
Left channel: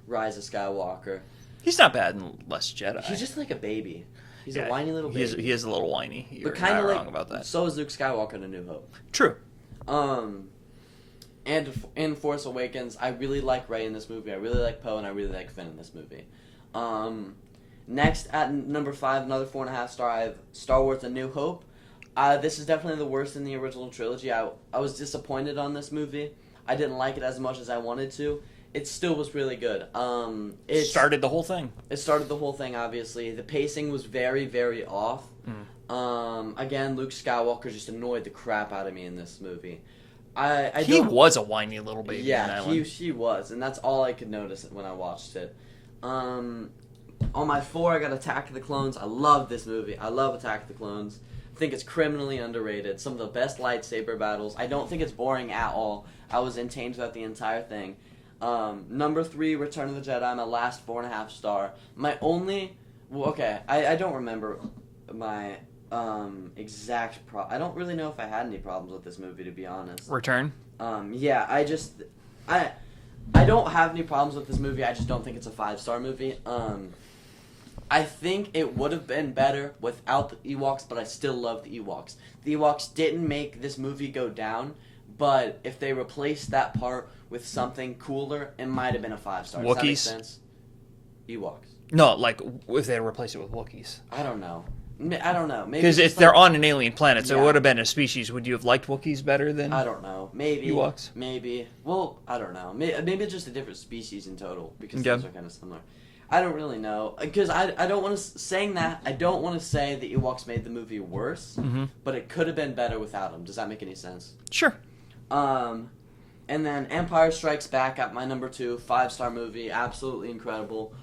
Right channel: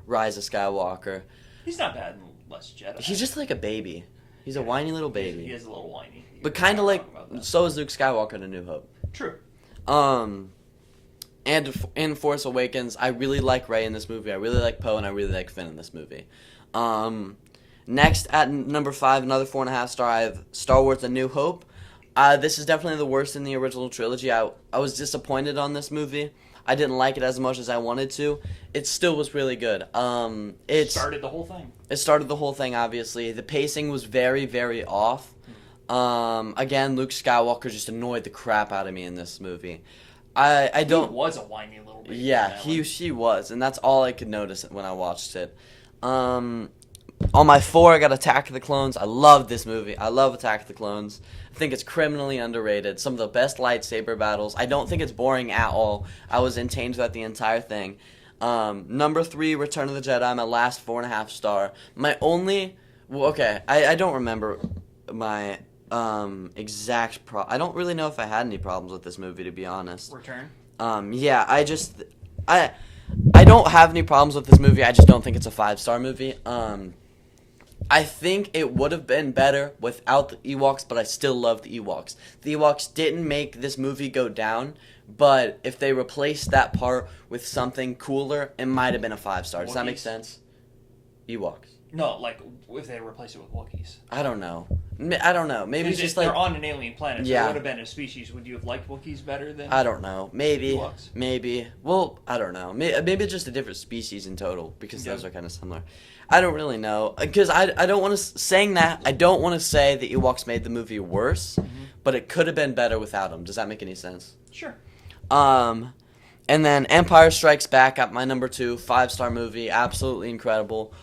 Rise of Skywalker. He's not bad in Last Jedi. He's just like a baby. He's a whiny little baby. He is a little whiny. But kind of like, so is Luke Skywalker in A New Hope. True. And in Force Awakens, I really like Rey in this movie. I really like Poe, and I really like Finn in this movie. Next, at number 5, another 4.5 star, I have Star Wars A New Hope. This is definitely the worst in the original trilogy. I was disappointed on this movie. I didn't like it as much as I wanted to. It still was really good. It started the whole thing. It started the whole thing, obviously. The pacing was very, very off. Again, Luke Skywalker just annoyed the crap out of me in this movie. He was a whiny little baby. Yeah, he was, and that's all I could notice when I watched it. On my 4, I got Attack of the Clones. I love this movie. I love Attack of the Clones. I think it's criminally underrated. Some of the best lightsaber battles. I don't think it's boring at all. I was entertained throughout the entire thing. Number 3, Return of the Jedi, my last 4.5 star. My only... Well, okay, I don't remember my exact I don't really know if I had any problems with this movie, to be honest. Return? Yeah, I don't have any problems with this movie. I just don't think it's a 5-star movie. I think it would have been better without the Ewoks, but I still love the Ewoks. The Ewoks didn't make this movie go down, but if they replaced that part with something cooler, it might have been a 5-star. Does that make sense? Ewoks. No, like if they replaced it with Wookiees. I don't know. Maybe because they're on an alien planet, so it would have been a species. Would you have liked Wookiees better than? I don't know. Maybe Ewoks. Maybe. Well, I don't know. Maybe it's just a different species in total because those are kind of similar. I don't really know because I don't want to saying that I don't want to say the Ewoks made the movie worse, but it could have been better without them. Does that make any sense? Sure. And then Empire Strikes Back at my number 2, 5-star movie, absolutely incredible.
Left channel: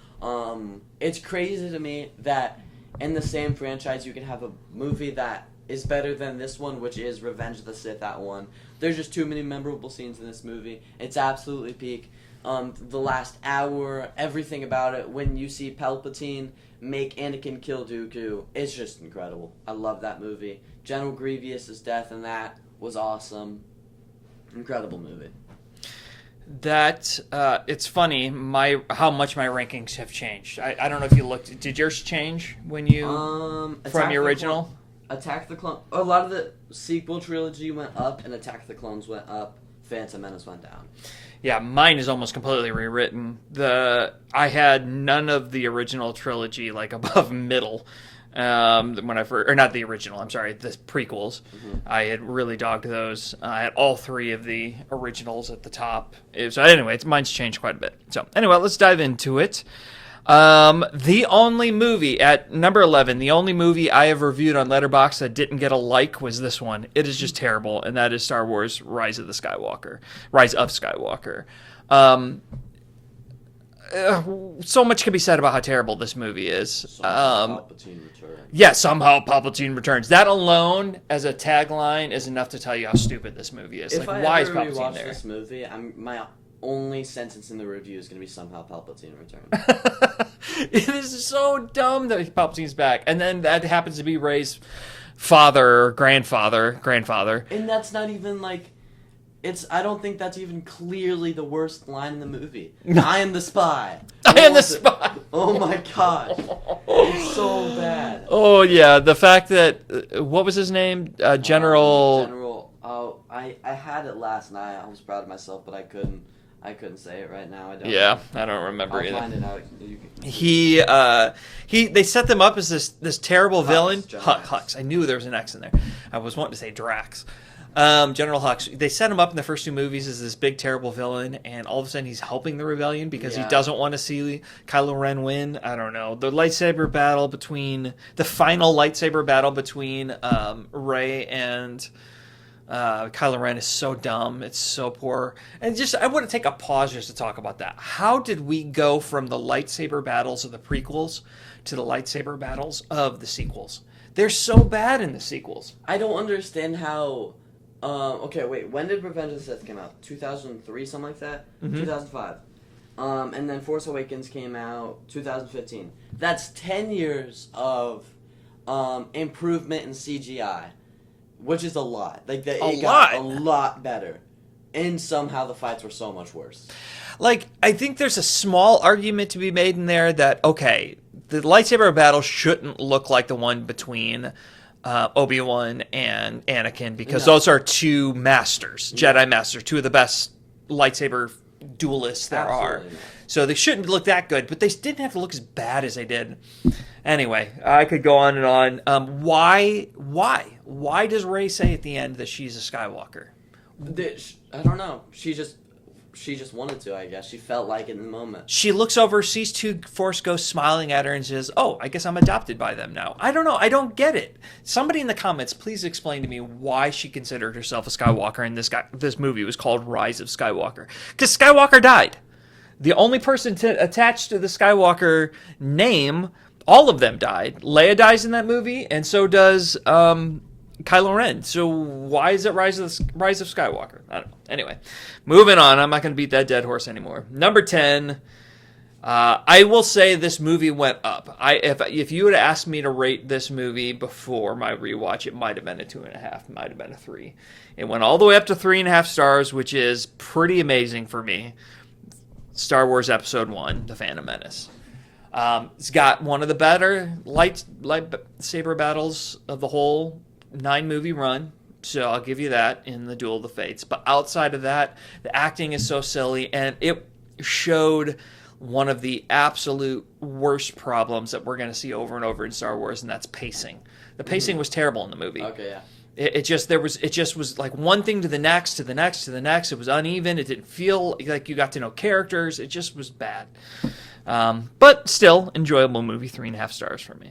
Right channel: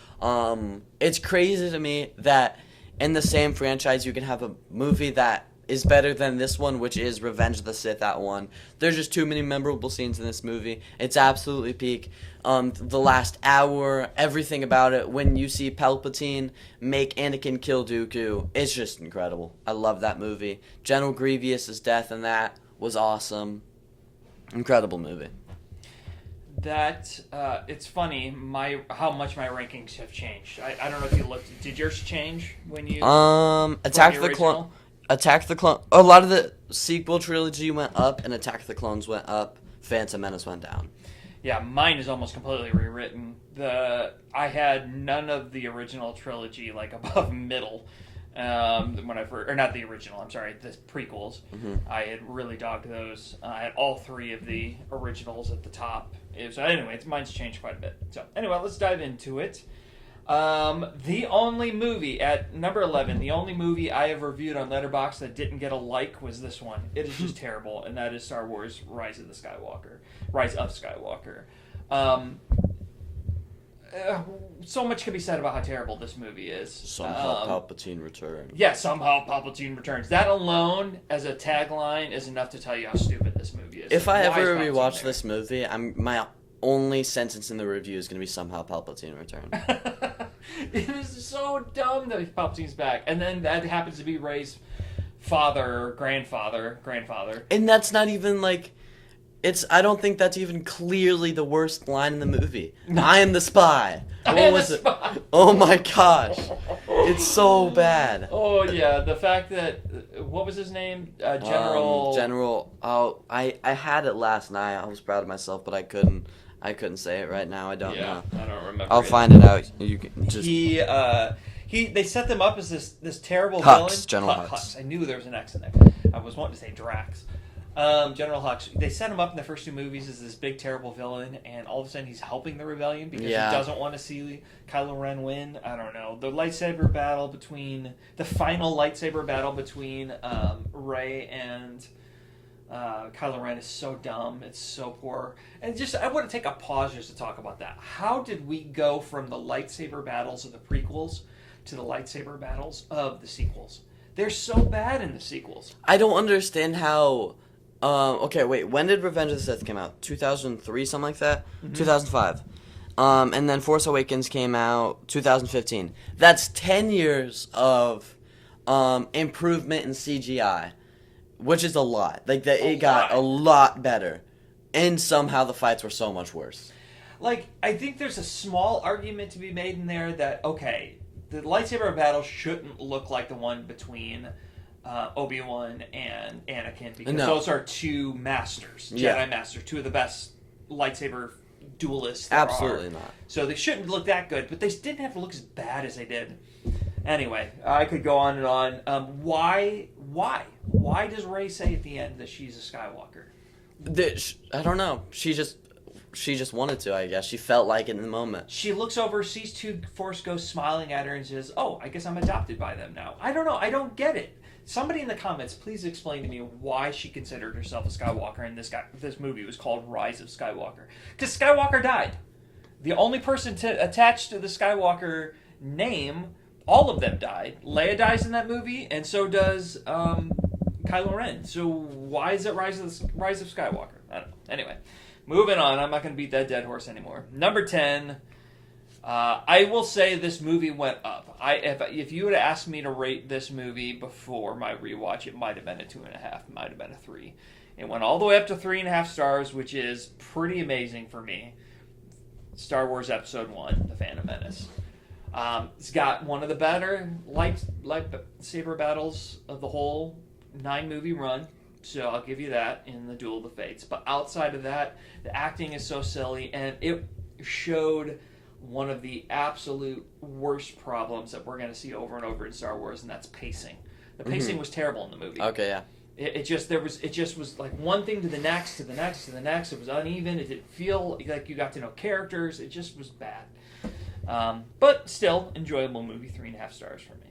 It's crazy to me that in the same franchise you can have a movie that is better than this one, which is Revenge of the Sith at 1. There's just too many memorable scenes in this movie. It's absolutely peak. The last hour, everything about it, when you see Palpatine make Anakin kill Dooku, it's just incredible. I love that movie. General Grievous's death in that was awesome. Incredible movie. That it's funny how much my rankings have changed. I don't know if you looked. Did yours change when you Attack the original? Attack the Clone. A lot of the sequel trilogy went up, and Attack the Clones went up. Phantom Menace went down. Yeah, mine is almost completely rewritten. I had none of the original trilogy like above middle. When I first, or not the original, I'm sorry, the prequels. I had really dogged those. I had all 3 of the originals at the top. So anyway, mine's changed quite a bit. So anyway, let's dive into it. The only movie at number 11, the only movie I have reviewed on Letterboxd that didn't get a like was this one. It is just terrible, and that is Star Wars: Rise of Skywalker. So much can be said about how terrible this movie is. Somehow Palpatine returns. Yeah, somehow Palpatine returns. That alone, as a tagline, is enough to tell you how stupid this movie is. If like, I ever rewatch this movie, my only sentence in the review is going to be somehow Palpatine returns. It is so dumb that Palpatine's back. And then that happens to be Rey's father, grandfather. And that's not even like... I don't think that's even clearly the worst line in the movie. I am the spy. I am the spy. Oh my gosh. It's so bad. Oh yeah, the fact that what was his name? General. Oh, I had it last night. I was proud of myself, but I couldn't say it right now. I don't know. I don't remember. I'll find it out. You can they set them up as this terrible Hux, villain. General Hux. I knew there was an X in there. I was wanting to say Drax. General Hux. They set him up in the first two movies as this big terrible villain, and all of a sudden he's helping the rebellion because he doesn't want to see Kylo Ren win. I don't know. The final lightsaber battle between Rey and Kylo Ren is so dumb. It's so poor. And I want to take a pause just to talk about that. How did we go from the lightsaber battles of the prequels to the lightsaber battles of the sequels? They're so bad in the sequels. I don't understand how... okay, wait. When did Revenge of the Sith come out? 2003, something like that? Mm-hmm. 2005. And then Force Awakens came out 2015. That's 10 years of improvement in CGI, which is a lot. Like it got a lot better, and somehow the fights were so much worse. Like, I think there's a small argument to be made in there that, okay, the lightsaber battle shouldn't look like the one between Obi-Wan and Anakin, because those are two masters, Jedi masters, two of the best lightsaber duelists there Absolutely are. Not. So they shouldn't look that good, but they didn't have to look as bad as they did. Anyway, I could go on and on. Why does Rey say at the end that she's a Skywalker? I don't know. She just wanted to, I guess. She felt like it in the moment. She looks over, sees two Force ghosts smiling at her, and says, "Oh, I guess I'm adopted by them now." I don't know. I don't get it. Somebody in the comments, please explain to me why she considered herself a Skywalker, and this movie was called Rise of Skywalker. Because Skywalker died. The only person attached to the Skywalker name, all of them died. Leia dies in that movie, and so does Kylo Ren. So why is it Rise of Skywalker? I don't know. Anyway, moving on. I'm not going to beat that dead horse anymore. Number 10. I will say this movie went up. If you would have asked me to rate this movie before my rewatch, it might have been a 2.5. It might have been a 3. It went all the way up to 3.5 stars, which is pretty amazing for me. Star Wars Episode 1, The Phantom Menace. It's got one of the better lightsaber battles of the whole 9-movie run, so I'll give you that in the Duel of the Fates. But outside of that, the acting is so silly, and it showed one of the absolute worst problems that we're going to see over and over in Star Wars, and that's pacing. The pacing was terrible in the movie. Okay, yeah. It just was like one thing to the next, to the next, to the next. It was uneven. It didn't feel like you got to know characters. It just was bad. But still, enjoyable movie, 3.5 stars for me.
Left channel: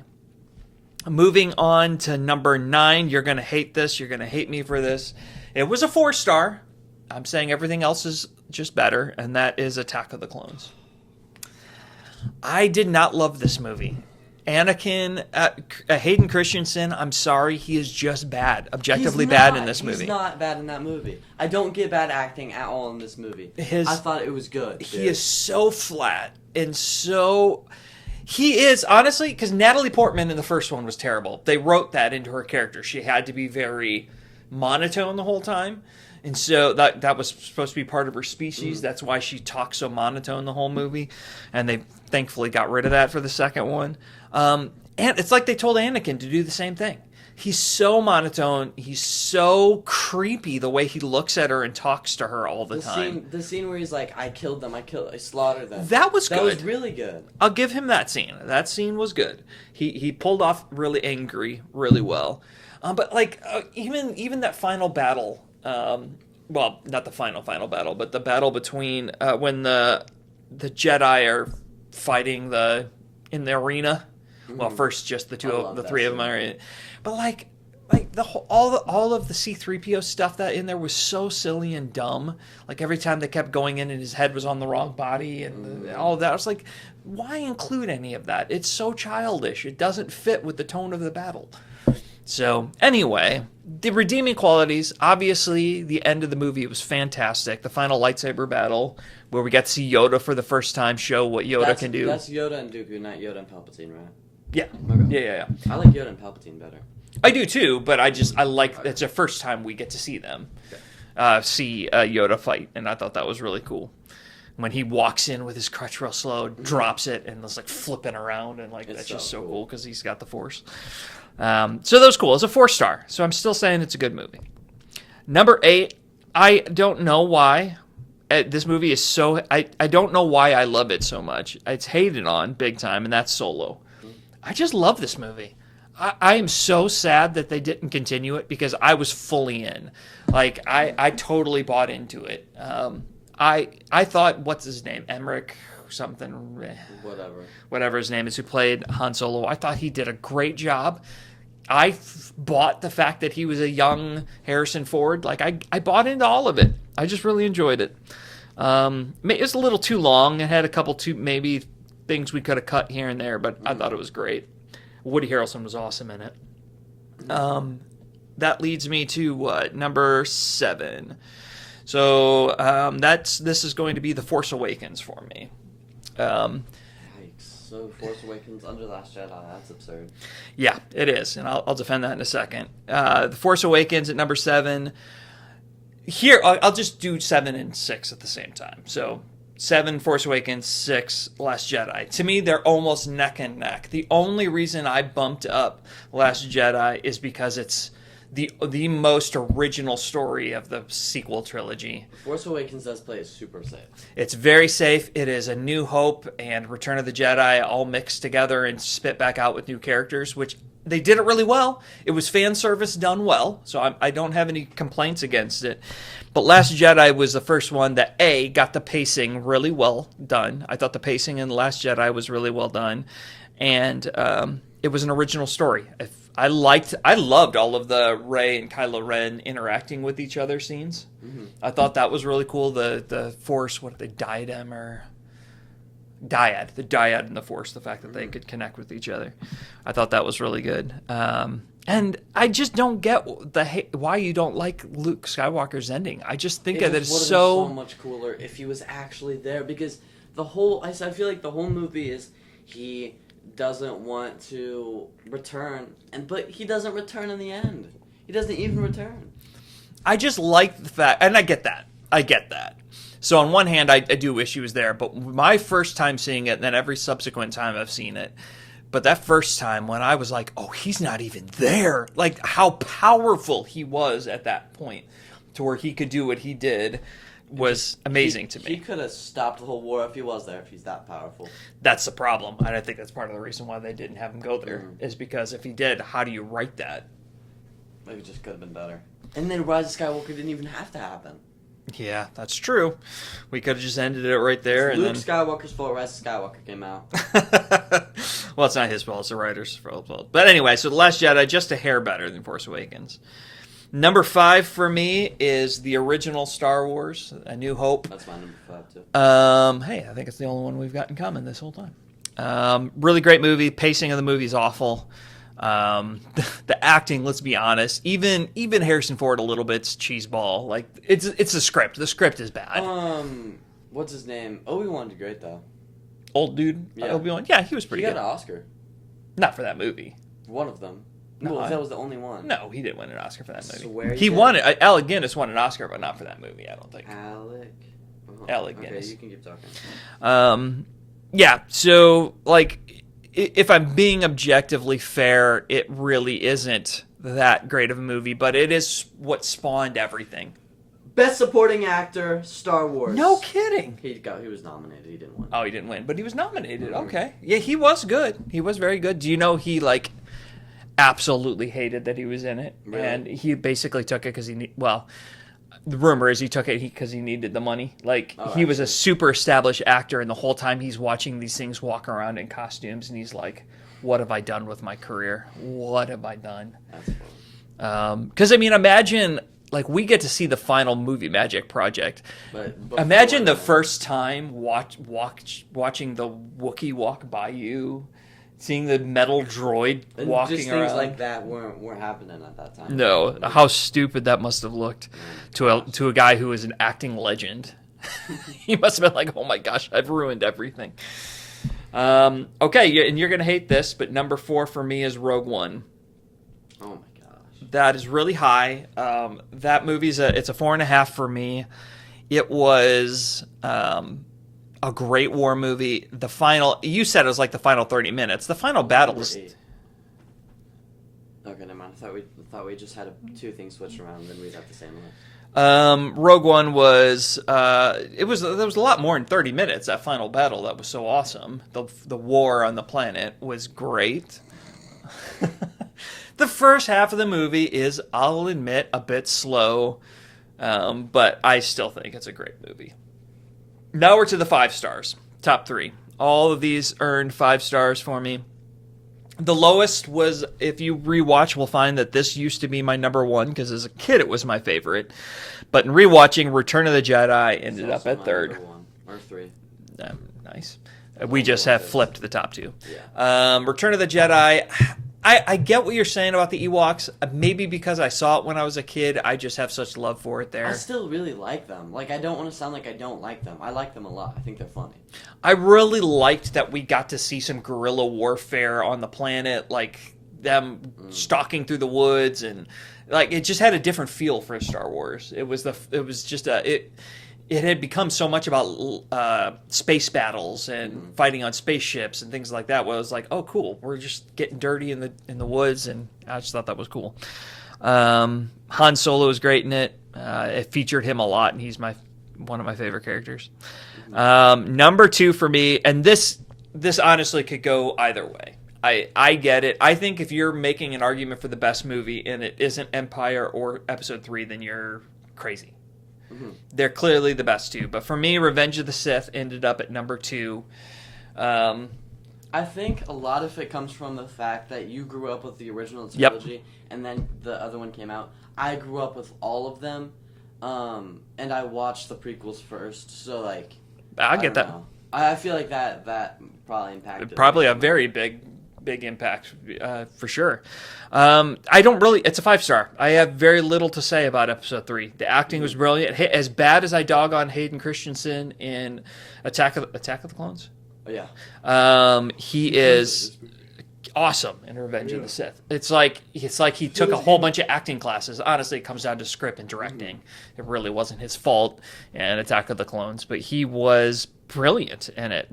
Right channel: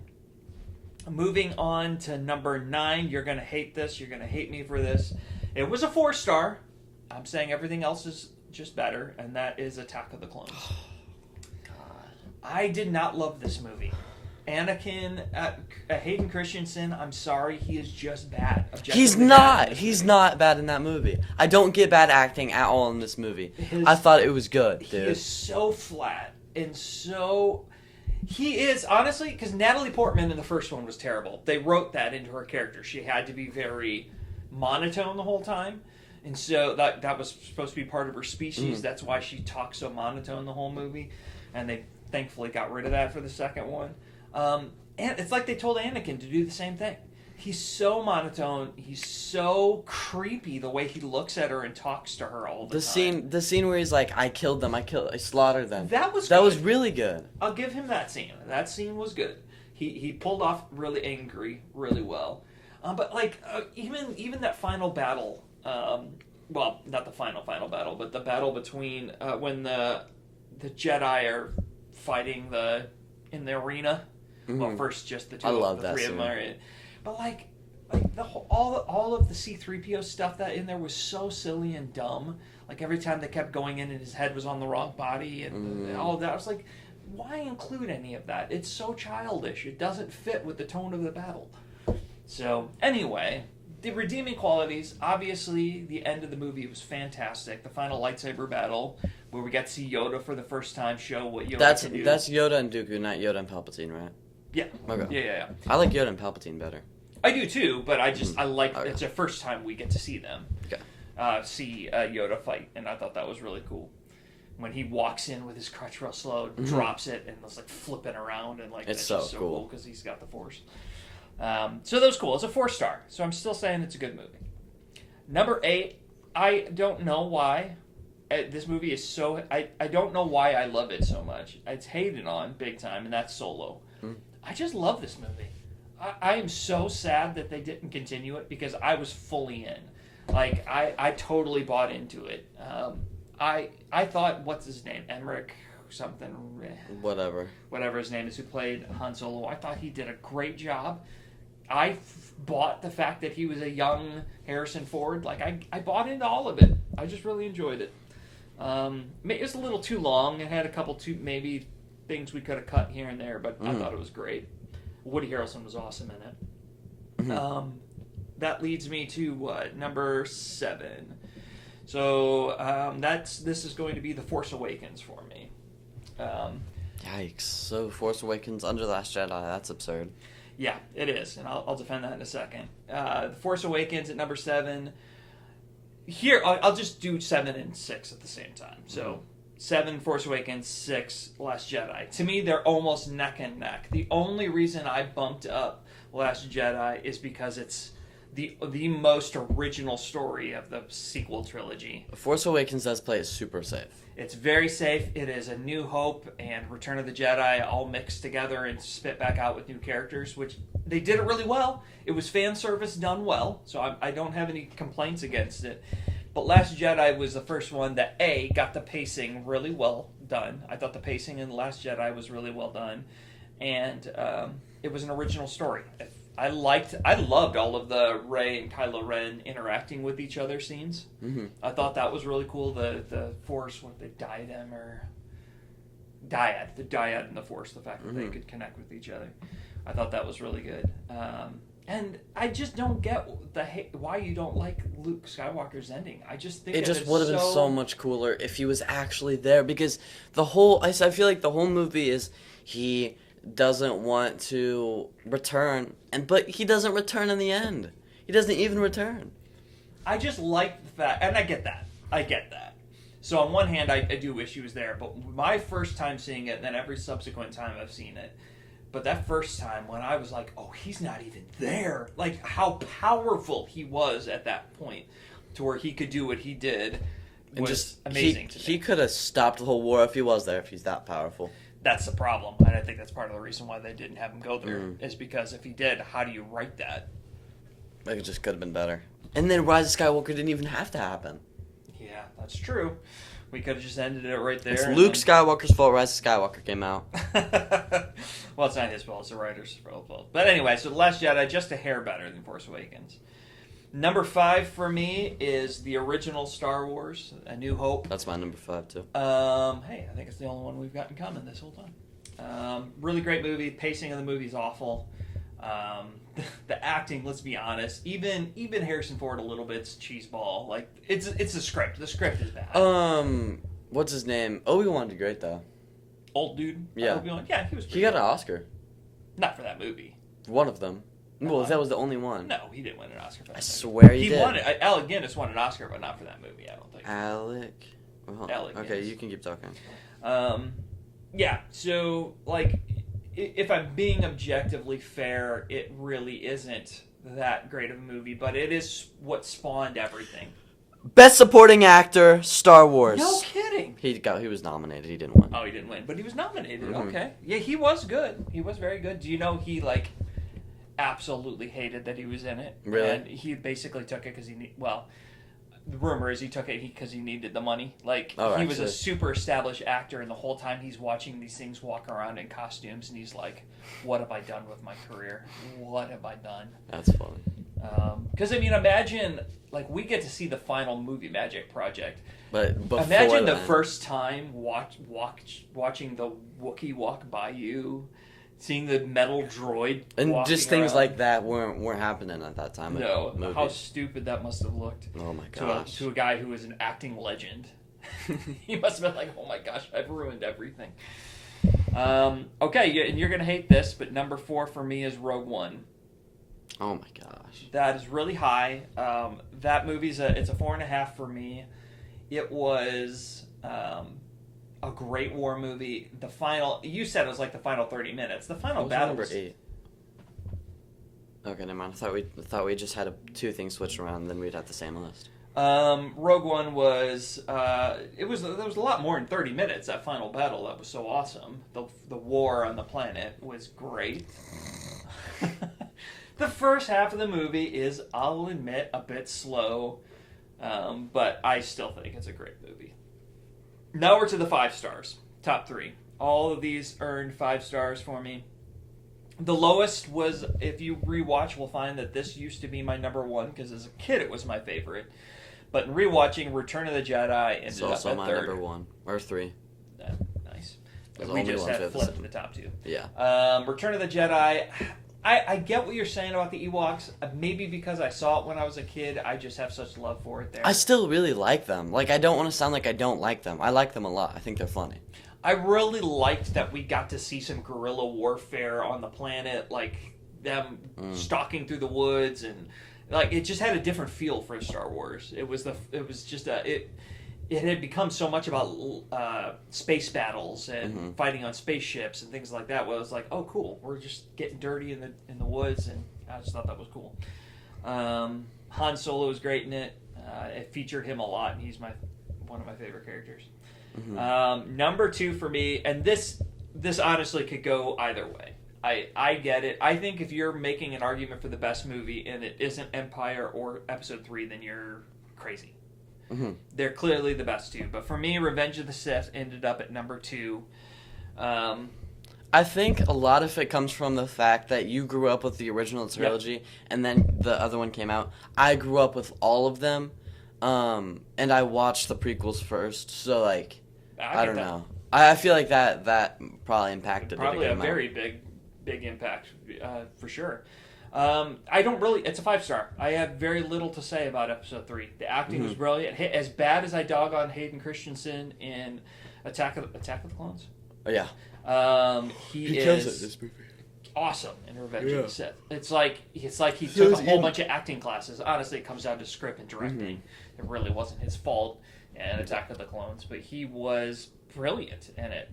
Moving on to number 9. You're going to hate this. You're going to hate me for this. It was a 4-star. I'm saying everything else is just better, and that is Attack of the Clones. I did not love this movie. Anakin, Hayden Christensen, I'm sorry, he is just bad. Objectively bad in this movie. He's not bad in that movie. I don't get bad acting at all in this movie. I thought it was good. He is so flat and so... He is, honestly, because Natalie Portman in the first one was terrible. They wrote that into her character. She had to be very monotone the whole time. And so that was supposed to be part of her species. Mm. That's why she talks so monotone the whole movie. And they thankfully got rid of that for the second one. And it's like they told Anakin to do the same thing. He's so monotone. He's so creepy the way he looks at her and talks to her all the time. The scene where he's like, I slaughtered them. That was good. That was really good. I'll give him that scene. That scene was good. He pulled off really angry really well. But like even that final battle, well, not the final battle, but the battle between when the Jedi are fighting in the arena. Mm-hmm. Well, first just the three of them are in. But like the whole, all of the C-3PO stuff that in there was so silly and dumb. Like every time they kept going in and his head was on the wrong body and all of that, I was like, why include any of that? It's so childish. It doesn't fit with the tone of the battle. So anyway, the redeeming qualities, obviously the end of the movie was fantastic. The final lightsaber battle where we got to see Yoda for the first time show what Yoda can do. That's Yoda and Dooku, not Yoda and Palpatine, right? Yeah. Okay. Yeah. I like Yoda and Palpatine better. I do too, but I like it's the first time we get to see them. Okay. See Yoda fight, and I thought that was really cool. When he walks in with his crutch real slow, drops it, and it's like flipping around, and like that's just so cool because he's got the Force. So that was cool. It's a 4-star, so I'm still saying it's a good movie. Number 8, I don't know why this movie is so. I don't know why I love it so much. It's hated on big time, and that's Solo. I just love this movie. I am so sad that they didn't continue it because I was fully in. Like I totally bought into it. I thought, what's his name? Emmerich something. Whatever his name is, who played Han Solo. I thought he did a great job. I bought the fact that he was a young Harrison Ford. Like I bought into all of it. I just really enjoyed it. It was a little too long. It had a couple maybe things we could have cut here and there, but I thought it was great. Woody Harrelson was awesome in it. That leads me to number 7. So this is going to be The Force Awakens for me. Yikes. So Force Awakens under The Last Jedi, that's absurd. Yeah, it is, and I'll defend that in a second. The Force Awakens at number 7. Here, I'll just do 7 and 6 at the same time. So 7, Force Awakens, 6, Last Jedi. To me, they're almost neck and neck. The only reason I bumped up Last Jedi is because it's the most original story of the sequel trilogy. Force Awakens does play it super safe. It's very safe. It is A New Hope and Return of the Jedi all mixed together and spit back out with new characters, which they did it really well. It was fan service done well, so I don't have any complaints against it. But Last Jedi was the first one that, got the pacing really well done. I thought the pacing in The Last Jedi was really well done. And it was an original story. I loved all of the Rey and Kylo Ren interacting with each other scenes. Mm-hmm. I thought that was really cool. The Force, what are they, diadem or dyad? The dyad and the Force, the fact that they could connect with each other. I thought that was really good. And I just don't get why you don't like Luke Skywalker's ending. I just think that it's so much cooler if he was actually there, because I feel like the whole movie is he doesn't want to return, but he doesn't return in the end. He doesn't even return. I just like the fact, and I get that. So on one hand, I do wish he was there, but my first time seeing it, and then every subsequent time I've seen it, but that first time when I was like, oh, he's not even there, like how powerful he was at that point to where he could do what he did was amazing to me. He could have stopped the whole war if he was there, if he's that powerful. That's the problem. And I think that's part of the reason why they didn't have him go there, is because if he did, how do you write that? Maybe it just could have been better. And then Rise of Skywalker didn't even have to happen. Yeah, that's true. We could have just ended it right there. It's Luke Skywalker's fault Rise of Skywalker came out. Well, it's not his fault. It's the writer's fault. But anyway, so The Last Jedi, just a hair better than Force Awakens. Number 5 for me is the original Star Wars, A New Hope. That's my number 5 too. Hey, I think it's the only one we've got in common this whole time. Really great movie. Pacing of the movie is awful. The acting, let's be honest, even Harrison Ford a little bit's cheeseball. Like it's the script. The script is bad. What's his name? Obi-Wan did great though. Old dude. Yeah. Obi-Wan. Yeah, he was pretty good. He got an Oscar. Not for that movie. One of them. No, well, that was the only one. No, he didn't win an Oscar for that movie. I swear he won it. Alec Guinness won an Oscar, but not for that movie, I don't think. Alec Guinness. Okay, you can keep talking. Yeah, so, like, if I'm being objectively fair, it really isn't that great of a movie, but it is what spawned everything. Best Supporting Actor, Star Wars. No kidding. He was nominated. He didn't win. Oh, he didn't win, but he was nominated. Mm-hmm. Okay. Yeah, he was good. He was very good. Do you know he, like, absolutely hated that he was in it? Really? And he basically took it because the rumor is he took it because he needed the money. Like, Oh, he was a actually. super established actor, and the whole time he's watching these things walk around in costumes, and he's like, what have I done with my career? What have I done? That's fun. Because, I mean, imagine, like, we get to see the final movie Magic Project. But before Imagine the that- first time watching the Wookiee walk by you, seeing the metal droid and walking just things around. like that weren't happening at that time. No, how stupid that must have looked Oh to a guy who was an acting legend. He must have been like, "Oh my gosh, I've ruined everything." Okay, and you're gonna hate this, but number 4 for me is Rogue One. Oh my gosh. That is really high. That movie's it's a 4.5 for me. It was a great war movie. The final, you said it was like the final 30 minutes. The final battle was. Okay, never mind. I thought we just had two things switched around, and then we'd have the same list. Rogue One was there was a lot more than 30 minutes. That final battle that was so awesome. The war on the planet was great. The first half of the movie is, I'll admit, a bit slow, but I still think it's a great movie. Now we're to the 5 stars, top 3. All of these earned 5 stars for me. The lowest was, if you rewatch, we'll find that this used to be my number 1 because as a kid it was my favorite. But in rewatching, Return of the Jedi It's ended up also at my 3rd. number 1 or 3. Nice. It's We all just the have ones. flipped the top 2. Yeah. Return of the Jedi. I get what you're saying about the Ewoks. Maybe because I saw it when I was a kid, I just have such love for it there. I still really like them. Like, I don't want to sound like I don't like them. I like them a lot. I think they're funny. I really liked that we got to see some guerrilla warfare on the planet, like them stalking through the woods, and like it just had a different feel for Star Wars. It was just it had become so much about space battles and fighting on spaceships and things like that. Where I was like, oh, cool, we're just getting dirty in the woods, and I just thought that was cool. Han Solo was great in it. It featured him a lot, and he's one of my favorite characters. Number 2 for me, and this honestly could go either way. I get it. I think if you're making an argument for the best movie and it isn't Empire or Episode 3, then you're crazy. They're clearly the best two. But for me, Revenge of the Sith ended up at number 2. I think a lot of it comes from the fact that you grew up with the original trilogy, and then the other one came out. I grew up with all of them, and I watched the prequels first. So like, I get don't that. know. I feel like that probably impacted. Probably it a very big impact, for sure. I don't really. It's a 5-star. I have very little to say about Episode 3. The acting was brilliant. As bad as I dog on Hayden Christensen in Attack of the Clones. Oh, yeah. He is awesome in Revenge of the Sith. It's like he took a whole bunch of acting classes. Honestly, it comes down to script and directing. It really wasn't his fault in Attack of the Clones, but he was brilliant in it.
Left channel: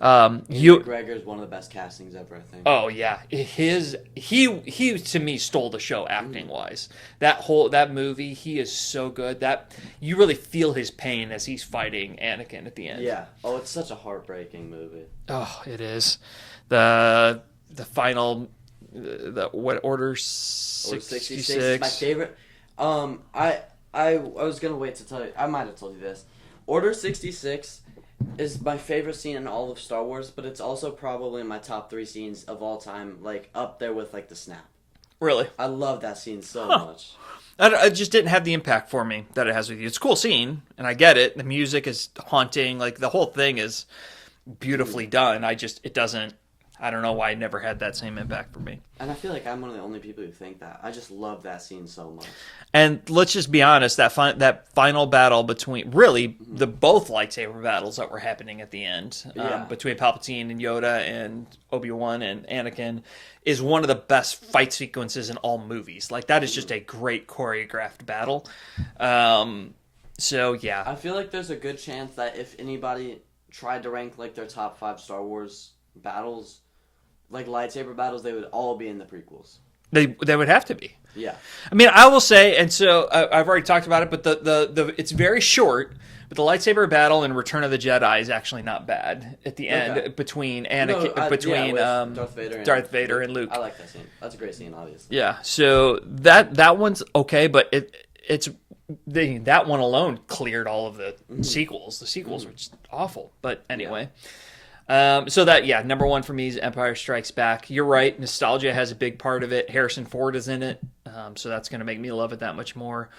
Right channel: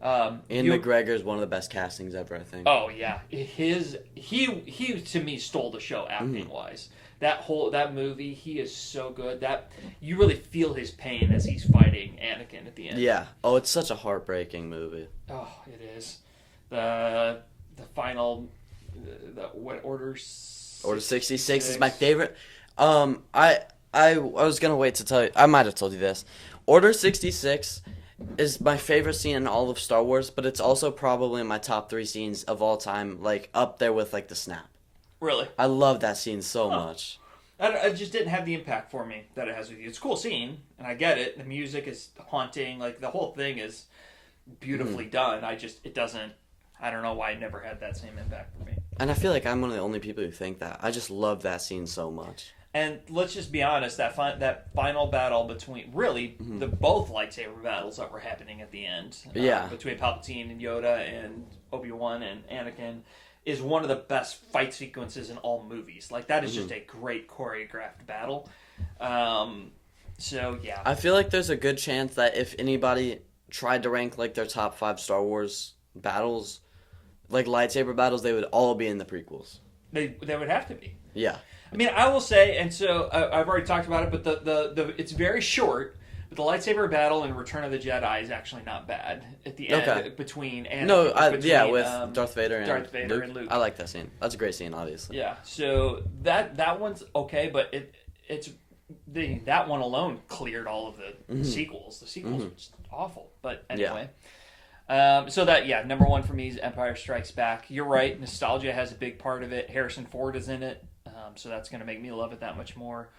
Ian McGregor is one of the best castings ever, I think. Oh yeah, he to me stole the show acting wise. That movie, he is so good that you really feel his pain as he's fighting Anakin at the end. Yeah. Oh, it's such a heartbreaking movie. Oh, it is. The final what Order 66 is my favorite. I was gonna wait to tell you. I might have told you this. Order 66 is my favorite scene in all of Star Wars, but it's also probably my top 3 scenes of all time, like up there with like the snap. Really? I love that scene so much. It just didn't have the impact for me that it has with you. It's a cool scene, and I get it. The music is haunting. Like, the whole thing is beautifully done. It doesn't. I don't know why it never had that same impact for me. And I feel like I'm one of the only people who think that. I just love that scene so much. And let's just be honest, that final battle between the both lightsaber battles that were happening at the end, between Palpatine and Yoda and Obi-Wan and Anakin, is one of the best fight sequences in all movies. Like, that is just a great choreographed battle. So yeah, I feel like there's a good chance that if anybody tried to rank like their top 5 Star Wars battles, like lightsaber battles, they would all be in the prequels. they would have to be. Yeah. I mean, I will say, and so I've already talked about it, but the it's very short. But the lightsaber battle in Return of the Jedi is actually not bad at the end between Anakin, with Darth Vader and Luke. I like that scene. That's a great scene, obviously. Yeah, so that one's okay, but that one alone cleared all of the sequels. The sequels were just awful. But anyway. So that, number one for me is Empire Strikes Back. You're right. Nostalgia has a big part of it. Harrison Ford is in it. So that's going to make me love it that much more.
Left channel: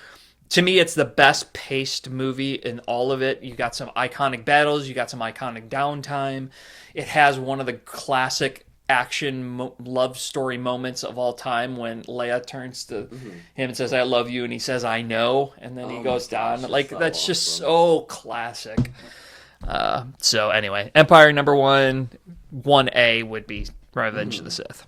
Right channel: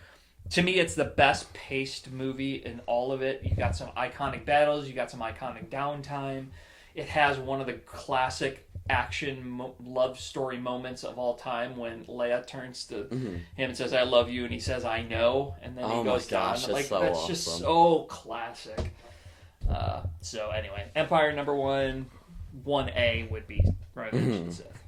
To me, it's the best paced movie in all of it. You got some iconic battles. You got some iconic downtime. It has one of the classic action love story moments of all time when Leia turns to him and says, "I love you," and he says, "I know," and then he goes down. Like, so that's awesome. Just so classic. So anyway, Empire number 1A would be Revenge of the Sith.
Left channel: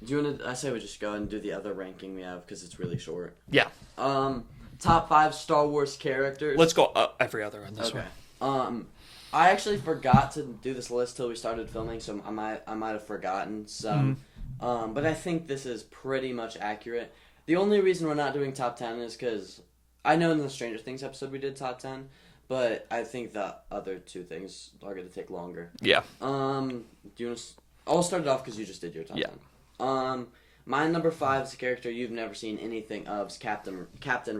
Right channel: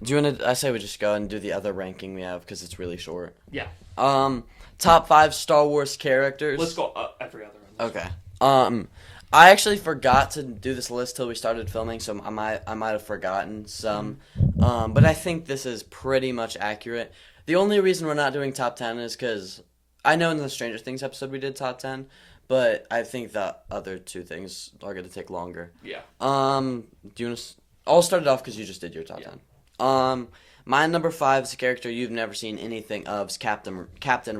Do you want to? I say we just go and do the other ranking we have because it's really short. Yeah. Top 5 Star Wars characters. Let's go every other on this one. Okay. I actually forgot to do this list till we started filming, so I might have forgotten some. But I think this is pretty much accurate. The only reason we're not doing top 10 is because I know in the Stranger Things episode we did top 10, but I think the other 2 things are going to take longer. Yeah. Do you want to? I'll start it off because you just did your top 10. My number 5 is a character you've never seen anything of. Is Captain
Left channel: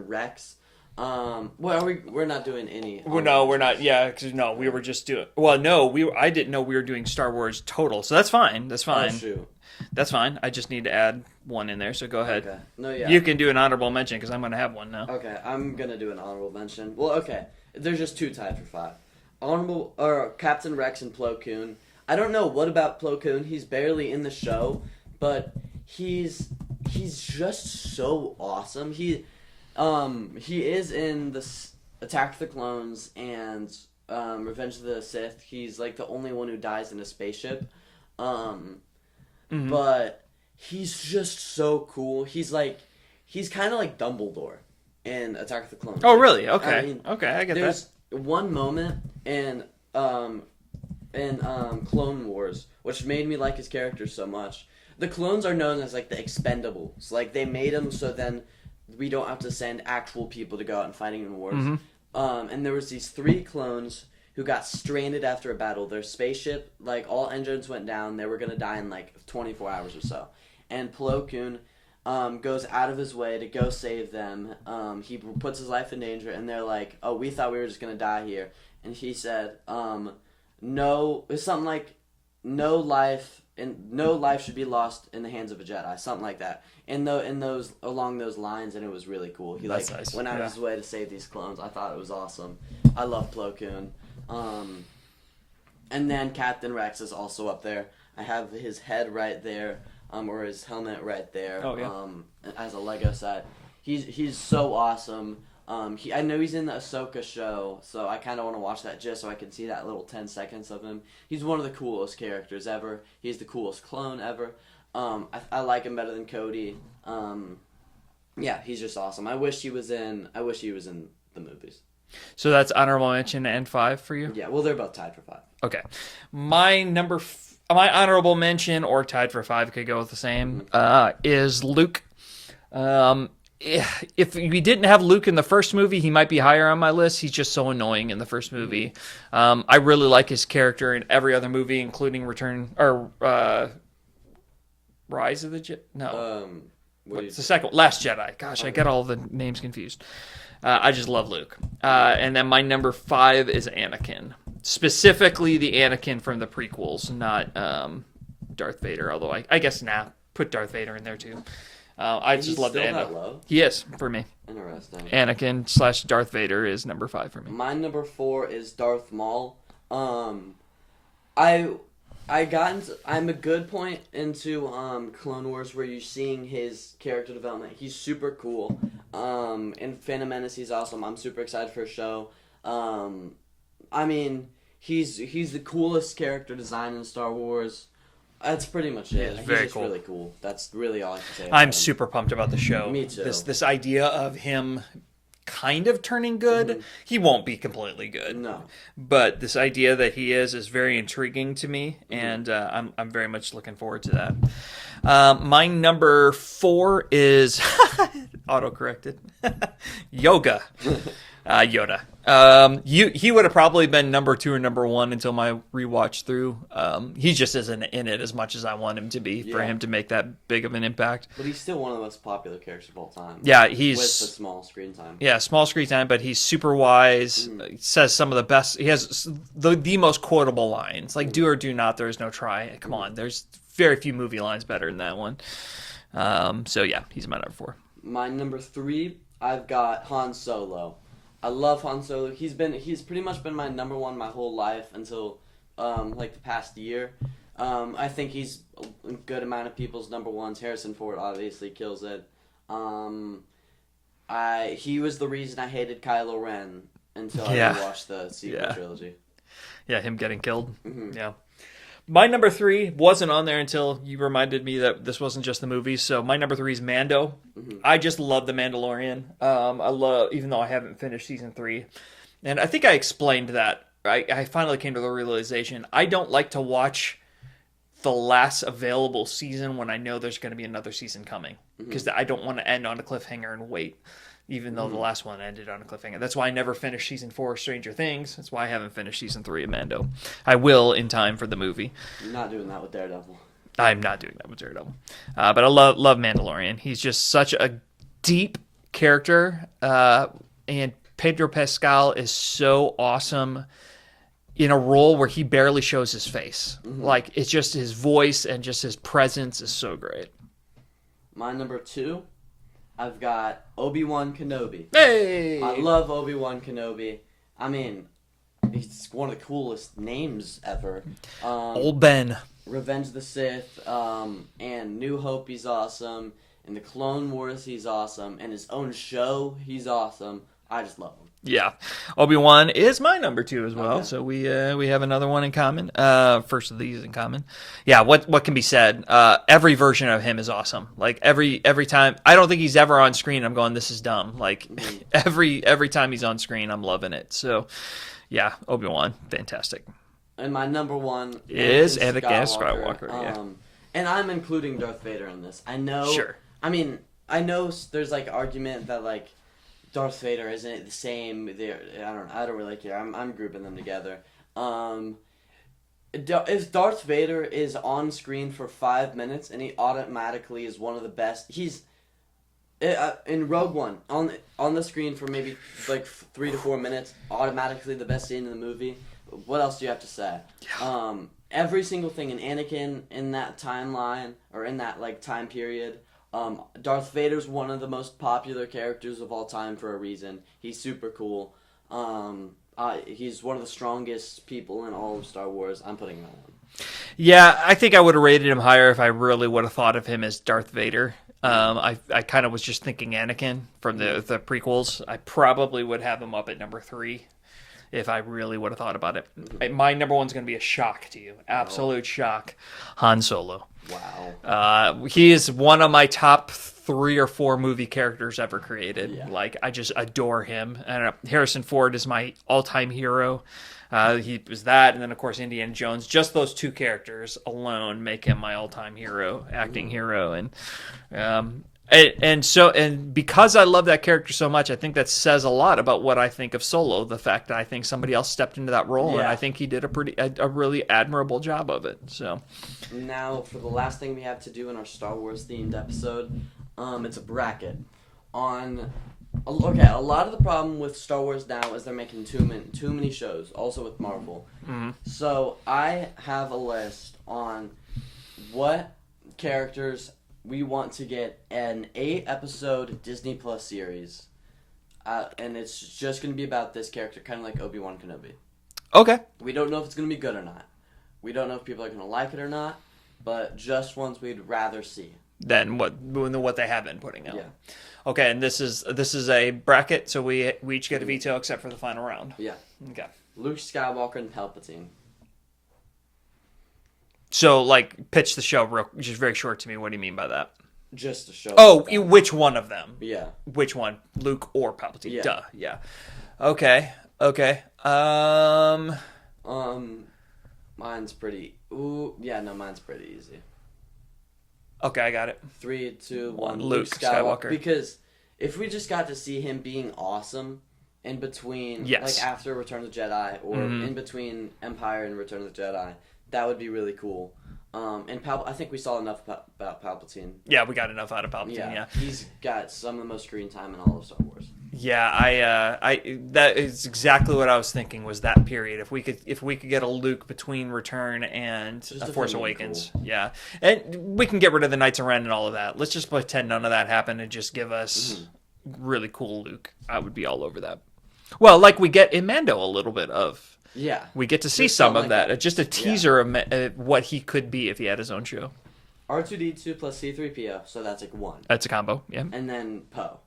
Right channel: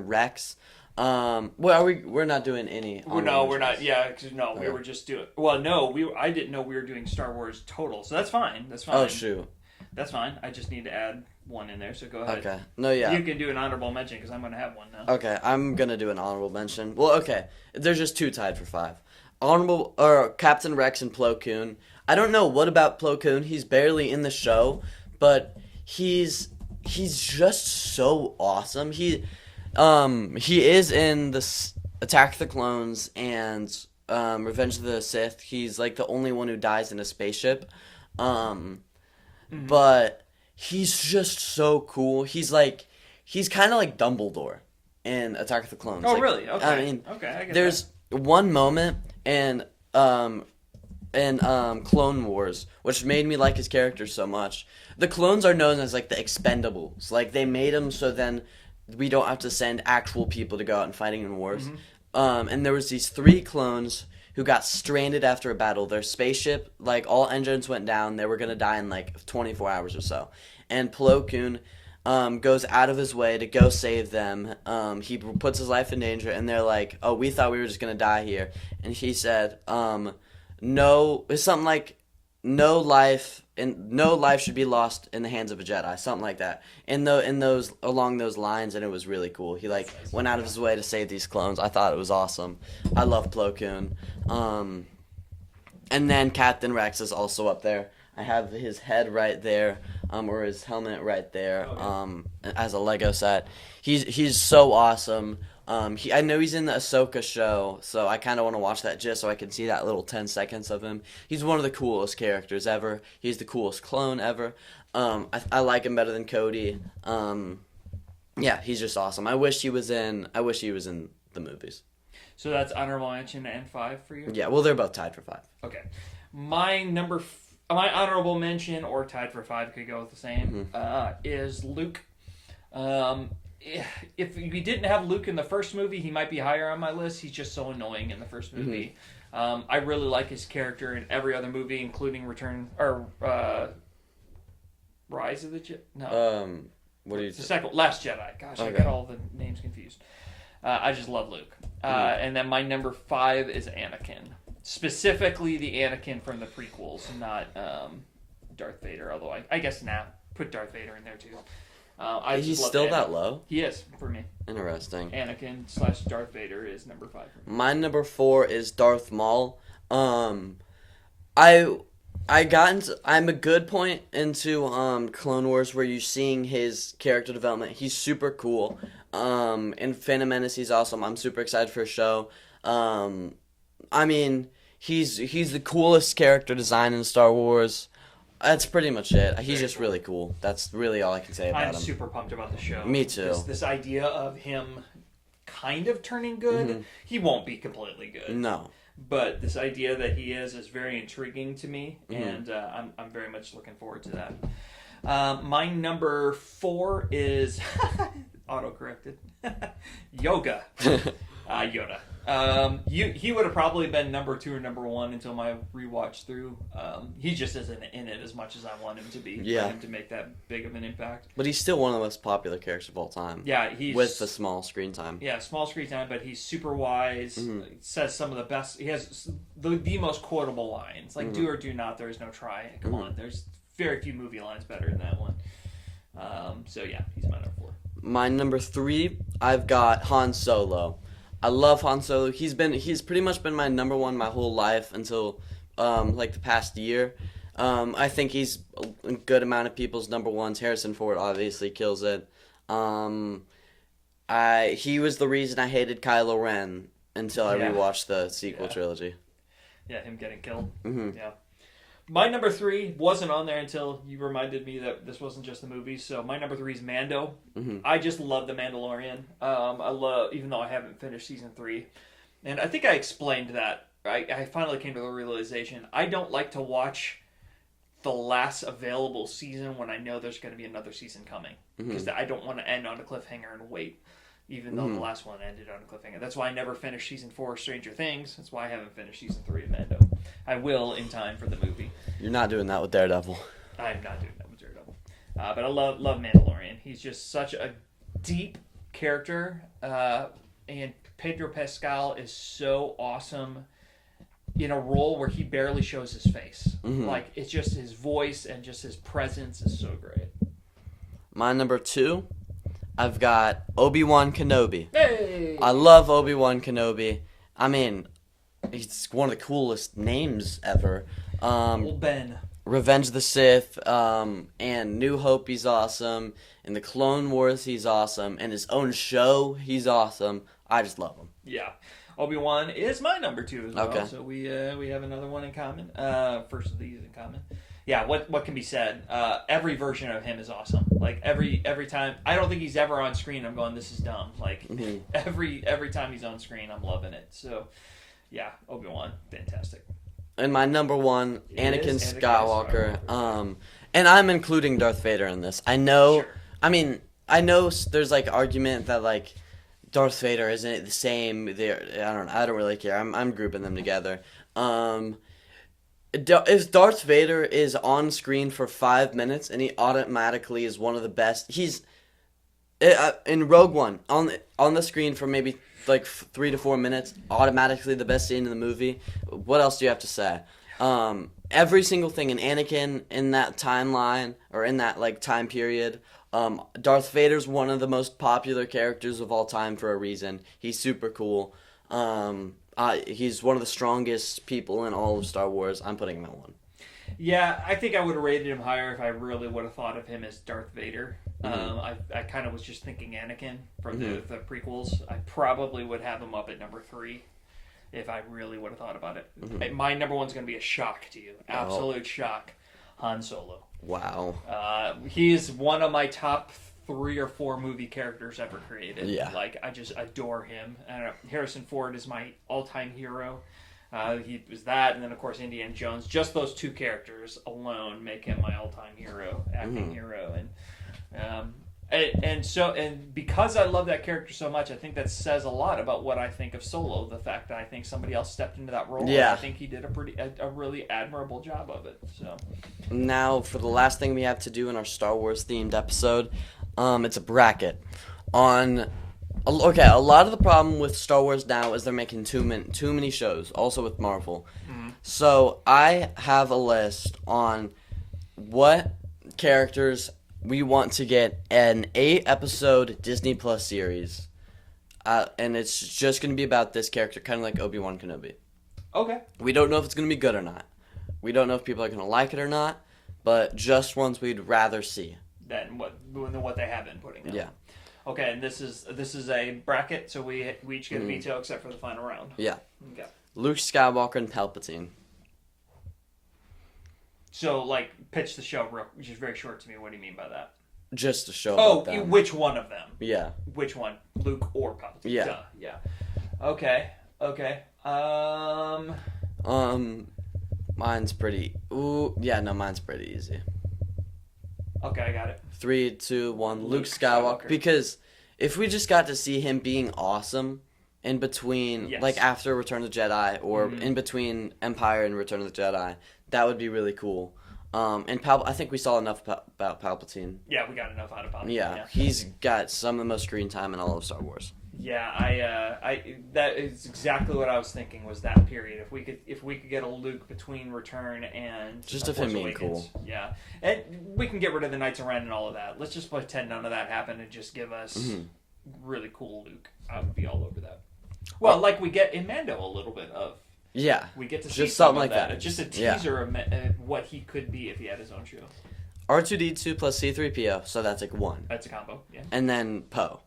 Rex. We're not doing any. No, we're not. Yeah, because we were just doing. Well, no, I didn't know we were doing Star Wars total, so that's fine. That's fine. Oh shoot. That's fine. I just need to add one in there, so go ahead. Okay. No, yeah. You can do an honorable mention because I'm going to have one now. Okay, I'm gonna do an honorable mention. Well, okay. There's just 2 tied for 5. Captain Rex and Plo Koon. I don't know what about Plo Koon. He's barely in the show, but he's just so awesome. He is in the Attack of the Clones and Revenge of the Sith. He's like the only one who dies in a spaceship. But he's just so cool. He's kind of like Dumbledore in Attack of the Clones. Oh, really? Okay. I mean, okay, I get there's one moment in Clone Wars which made me like his character so much. The clones are known as like the Expendables. Like they made them so then we don't have to send actual people to go out and fighting in wars. And there was these 3 clones who got stranded after a battle. Their spaceship, like all engines went down. They were gonna die in like 24 hours or so. And Plo Koon goes out of his way to go save them. He puts his life in danger, and they're like, "Oh, we thought we were just gonna die here." And he said, "No," it's something like, "No life should be lost in the hands of a Jedi," something like that. Along those lines, and it was really cool. He That's nice. went out of his way to save these clones. I thought it was awesome. I love Plo Koon. And then Captain Rex is also up there. I have his head right there, or his helmet right there, as a Lego set. He's so awesome. I know he's in the Ahsoka show, so I kind of want to watch that just so I can see that little 10 seconds of him. He's one of the coolest characters ever. He's the coolest clone ever. I like him better than Cody. Yeah, he's just awesome. I wish he was in the movies. So that's honorable mention and 5 for you? Yeah, well, they're both tied for 5. Okay. My honorable mention, or tied for 5, could go with the same, is Luke. If we didn't have Luke in the first movie, he might be higher on my list. He's just so annoying in the first movie. I really like his character in every other movie, including Rise of the Jedi. No, it's the second, Last Jedi. Gosh, okay. I get all the names confused. I just love Luke. And then my number 5 is Anakin, specifically the Anakin from the prequels, not Darth Vader. Although I guess put Darth Vader in there too. I just love still that low? He is, for me. Interesting. Anakin / Darth Vader is number 5 for me. My number 4 is Darth Maul. I'm a good point into Clone Wars where you're seeing his character development. He's super cool. In Phantom Menace, he's awesome. I'm super excited for his show. I mean, he's the coolest character design in Star Wars. That's pretty much it. He's just really cool. That's really all I can say about him. I'm super pumped about the show. Me too. This idea of him kind of turning good. He won't be completely good. No. But this idea that he is very intriguing to me, and I'm very much looking forward to that. My number 4 is auto-corrected. Yoda. He would have probably been number 2 or number 1 until my rewatch through. He just isn't in it as much as I want him to be for him to make that big of an impact. But he's still one of the most popular characters of all time. Yeah, he's with the small screen time. Yeah, small screen time, but he's super wise. Says some of the best. He has the most quotable lines, like "Do or do not." There is no try. Come on, there's very few movie lines better than that one. So yeah, he's my number 4. My number 3, I've got Han Solo. I love Han Solo. He's pretty much been my number 1 my whole life until like the past year. I think he's a good amount of people's number 1s. Harrison Ford obviously kills it. He was the reason I hated Kylo Ren until I rewatched the sequel trilogy. Yeah, him getting killed. Yeah. My number 3 wasn't on there until you reminded me that this wasn't just the movie. So my number 3 is Mando. I just love The Mandalorian. Even though I haven't finished season 3. And I think I explained that. I finally came to the realization I don't like to watch the last available season when I know there's going to be another season coming. Because I don't want to end on a cliffhanger and wait. Even though the last one ended on a cliffhanger. That's why I never finished season 4 of Stranger Things. That's why I haven't finished season 3 of Mando. I will in time for the movie. You're not doing that with Daredevil. I'm not doing that with Daredevil. But I love Mandalorian. He's just such a deep character. And Pedro Pascal is so awesome in a role where he barely shows his face. Like, it's just his voice and just his presence is so great. My number 2, I've got Obi-Wan Kenobi. Hey! I love Obi-Wan Kenobi. I mean, he's one of the coolest names ever. Old Ben. Revenge of the Sith, and New Hope, he's awesome. In the Clone Wars, he's awesome. In his own show, he's awesome. I just love him. Yeah, Obi-Wan is my number 2 as well. Okay. So we have another one in common. First of these in common. Yeah, what can be said? Every version of him is awesome. Like every time, I don't think he's ever on screen I'm going, this is dumb. Like every time he's on screen, I'm loving it. So yeah, Obi-Wan, fantastic. And my number 1 is Anakin Skywalker. Skywalker. And I'm including Darth Vader in this. I know. Sure. I mean, I know there's like argument that like Darth Vader isn't the same. I don't really care. I'm grouping them together. If Darth Vader is on screen for 5 minutes and he automatically is one of the best, he's in Rogue One on the screen for maybe like 3 to 4 minutes, automatically the best scene in the movie. What else do you have to say? Every single thing in Anakin in that timeline or in that like time period. Darth Vader's one of the most popular characters of all time for a reason. He's super cool. He's one of the strongest people in all of Star Wars. I'm putting him at 1. Yeah, I think I would have rated him higher if I really would have thought of him as Darth Vader. I kind of was just thinking Anakin from the prequels. I probably would have him up at number 3 if I really would have thought about it. My number 1's going to be a shock to you. Absolute shock. Han Solo. Wow. He is one of my top 3 or 4 movie characters ever created. Yeah. Like, I just adore him. And Harrison Ford is my all-time hero. He was that, and then of course Indiana Jones. Just those 2 characters alone make him my all-time hero, acting hero, and because I love that character so much, I think that says a lot about what I think of Solo. The fact that I think somebody else stepped into that role, and I think he did a really admirable job of it. So now for the last thing we have to do in our Star Wars themed episode, it's a bracket on. Okay, a lot of the problem with Star Wars now is they're making too many shows, also with Marvel. So I have a list on what characters we want to get an 8-episode Disney Plus series. And it's just going to be about this character, kind of like Obi-Wan Kenobi. okay, We don't know if it's going to be good or not. We don't know if people are going to like it or not, but just ones we'd rather see. then what they have been putting out. Yeah. Okay, and this is a bracket, so we each get a veto except for the final round. Yeah. Okay. Luke Skywalker and Palpatine. So, like, pitch the show just very short to me. What do you mean by that? Just to show. Oh, which one of them? Yeah. Which one? Luke or Palpatine? Yeah. Duh. Yeah. Okay. Mine's pretty. Ooh, yeah, no, mine's pretty easy. Okay, I got it. 3, 2, 1. Luke Luke Skywalker. Skywalker. Because if we just got to see him being awesome in between, Yes. like after Return of the Jedi, or in between Empire and Return of the Jedi. That would be really cool. And I think we saw enough about Palpatine. Yeah, we got enough out of Palpatine. Yeah, Yeah. he's got some of the most screen time in all of Star Wars. Yeah, I that is exactly what I was thinking, was that period. If we could get a Luke between Return and Just Force Awakens, yeah, and we can get rid of the Knights of Ren and all of that. Let's just pretend none of that happened and just give us really cool Luke. I would be all over that. Well, like we get in Mando a little bit of. Yeah, We get to see Just some of something like that. that. Just a teaser of what he could be if he had his own show. R2D2 plus C3PO, so that's like 1. That's a combo, yeah. And then Poe.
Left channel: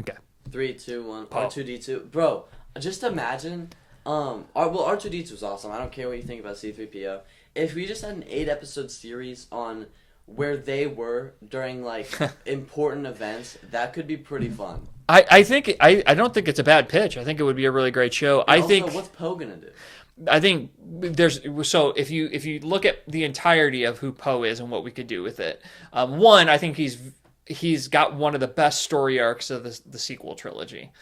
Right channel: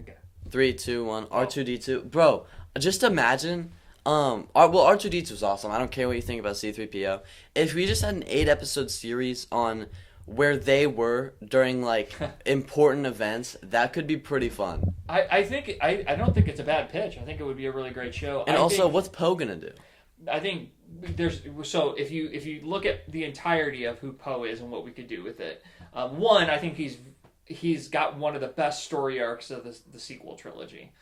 Okay. 3, 2, 1. R2D2. Bro, just imagine. R2D2 was awesome. I don't care what you think about C3PO. If we just had an 8-episode series on where they were during like important events, that could be pretty fun. I think I don't think it's a bad pitch. I think it would be a really great show. And also, what's Poe gonna do? I think there's so if you look at the entirety of who Poe is and what we could do with it, one, I think he's got one of the best story arcs of the sequel trilogy.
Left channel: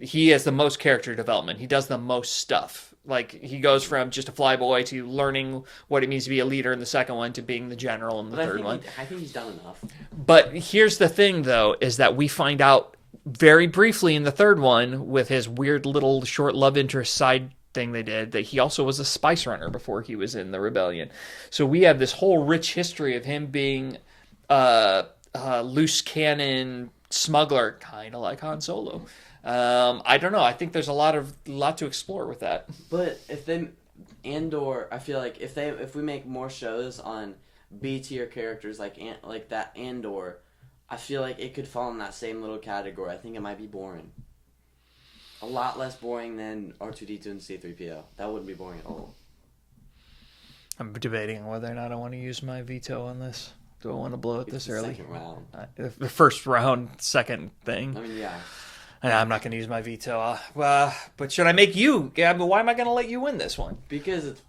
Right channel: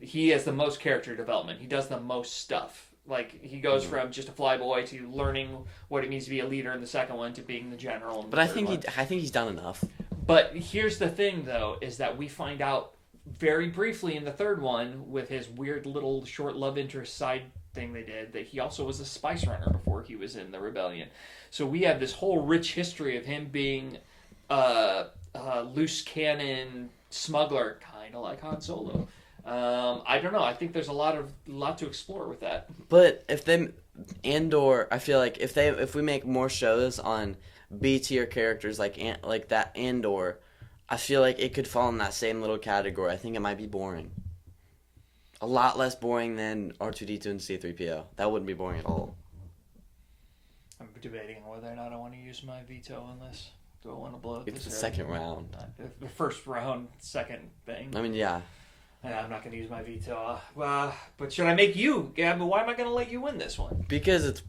He has the most character development. He does the most stuff. Like he goes from just a flyboy to learning what it means to be a leader in the second one to being the general in the third one. I think he's done enough. But here's the thing, though, is that we find out very briefly in the third one with his weird little short love interest side thing they did that he also was a spice runner before he was in the rebellion. So we have this whole rich history of him being a loose cannon smuggler, kind of like Han Solo. I don't know. I think there's a lot to explore with that. But if they Andor, I feel like if we make more shows on B tier characters like that Andor, I feel like it could fall in that same little category. I think it might be boring. A lot less boring than R2D2 and C3PO. That wouldn't be boring at all. I'm debating whether or not I want to use my veto on this. Do I want to blow it this early? Second round. The first round, second thing. I mean, yeah. I'm not going to use my veto. But should I make you? Yeah, but why am I going to let you win this one? Because it's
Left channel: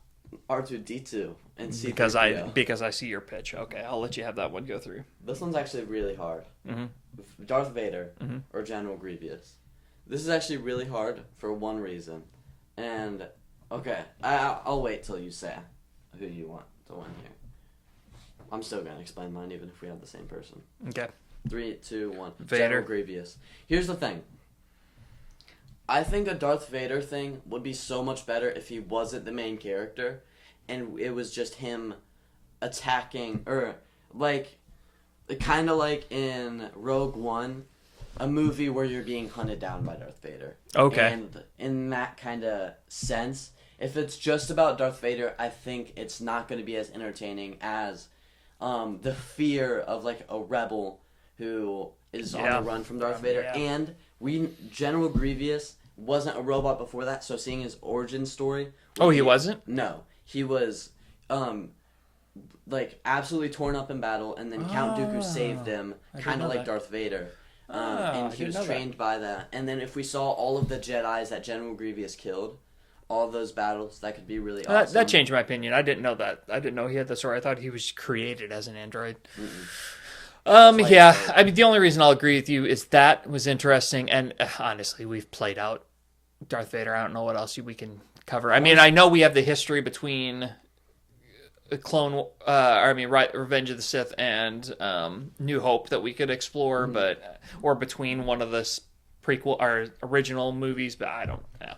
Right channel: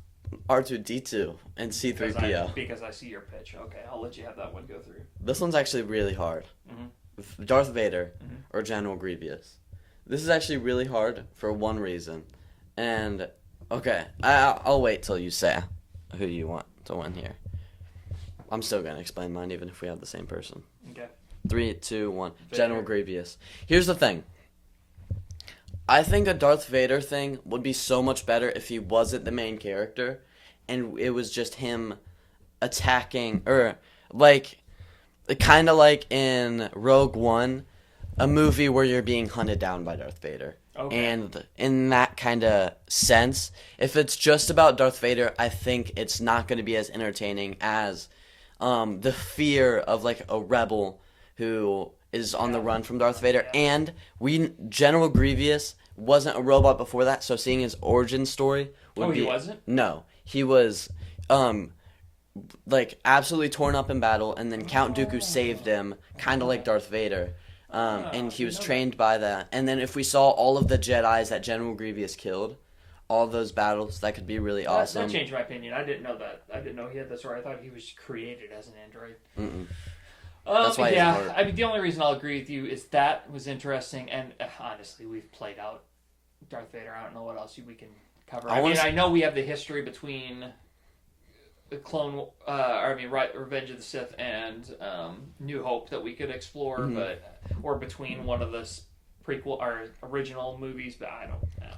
R2D2 and C3PO. Because I see your pitch. Okay, I'll let you have that one go through. This one's actually really hard. Mm-hmm. Darth Vader or General Grievous. This is actually really hard for one reason. And, okay, I'll wait till you say who you want to win here. I'm still going to explain mine even if we have the same person. Okay. 3, 2, 1. Vader. General Grievous. Here's the thing. I think a Darth Vader thing would be so much better if he wasn't the main character and it was just him attacking, or like kind of like in Rogue One, a movie where you're being hunted down by Darth Vader. Okay. And in that kind of sense, if it's just about Darth Vader, I think it's not going to be as entertaining as the fear of like a rebel who is on the run from Darth Vader. Yeah. And General Grievous wasn't a robot before that, so seeing his origin story. He wasn't? No. He was like absolutely torn up in battle, and then Count Dooku saved him, kind of like Darth Vader. And he was trained by that. And then if we saw all of the Jedis that General Grievous killed, all those battles, that could be really awesome. That changed my opinion. I didn't know that. I didn't know he had the story. I thought he was created as an android. Yeah. I mean, the only reason I'll agree with you is that was interesting. And honestly, we've played out Darth Vader. I don't know what else we can cover. I know we have the history between Revenge of the Sith and New Hope that we could explore, or between one of the prequel or original movies, but I don't know.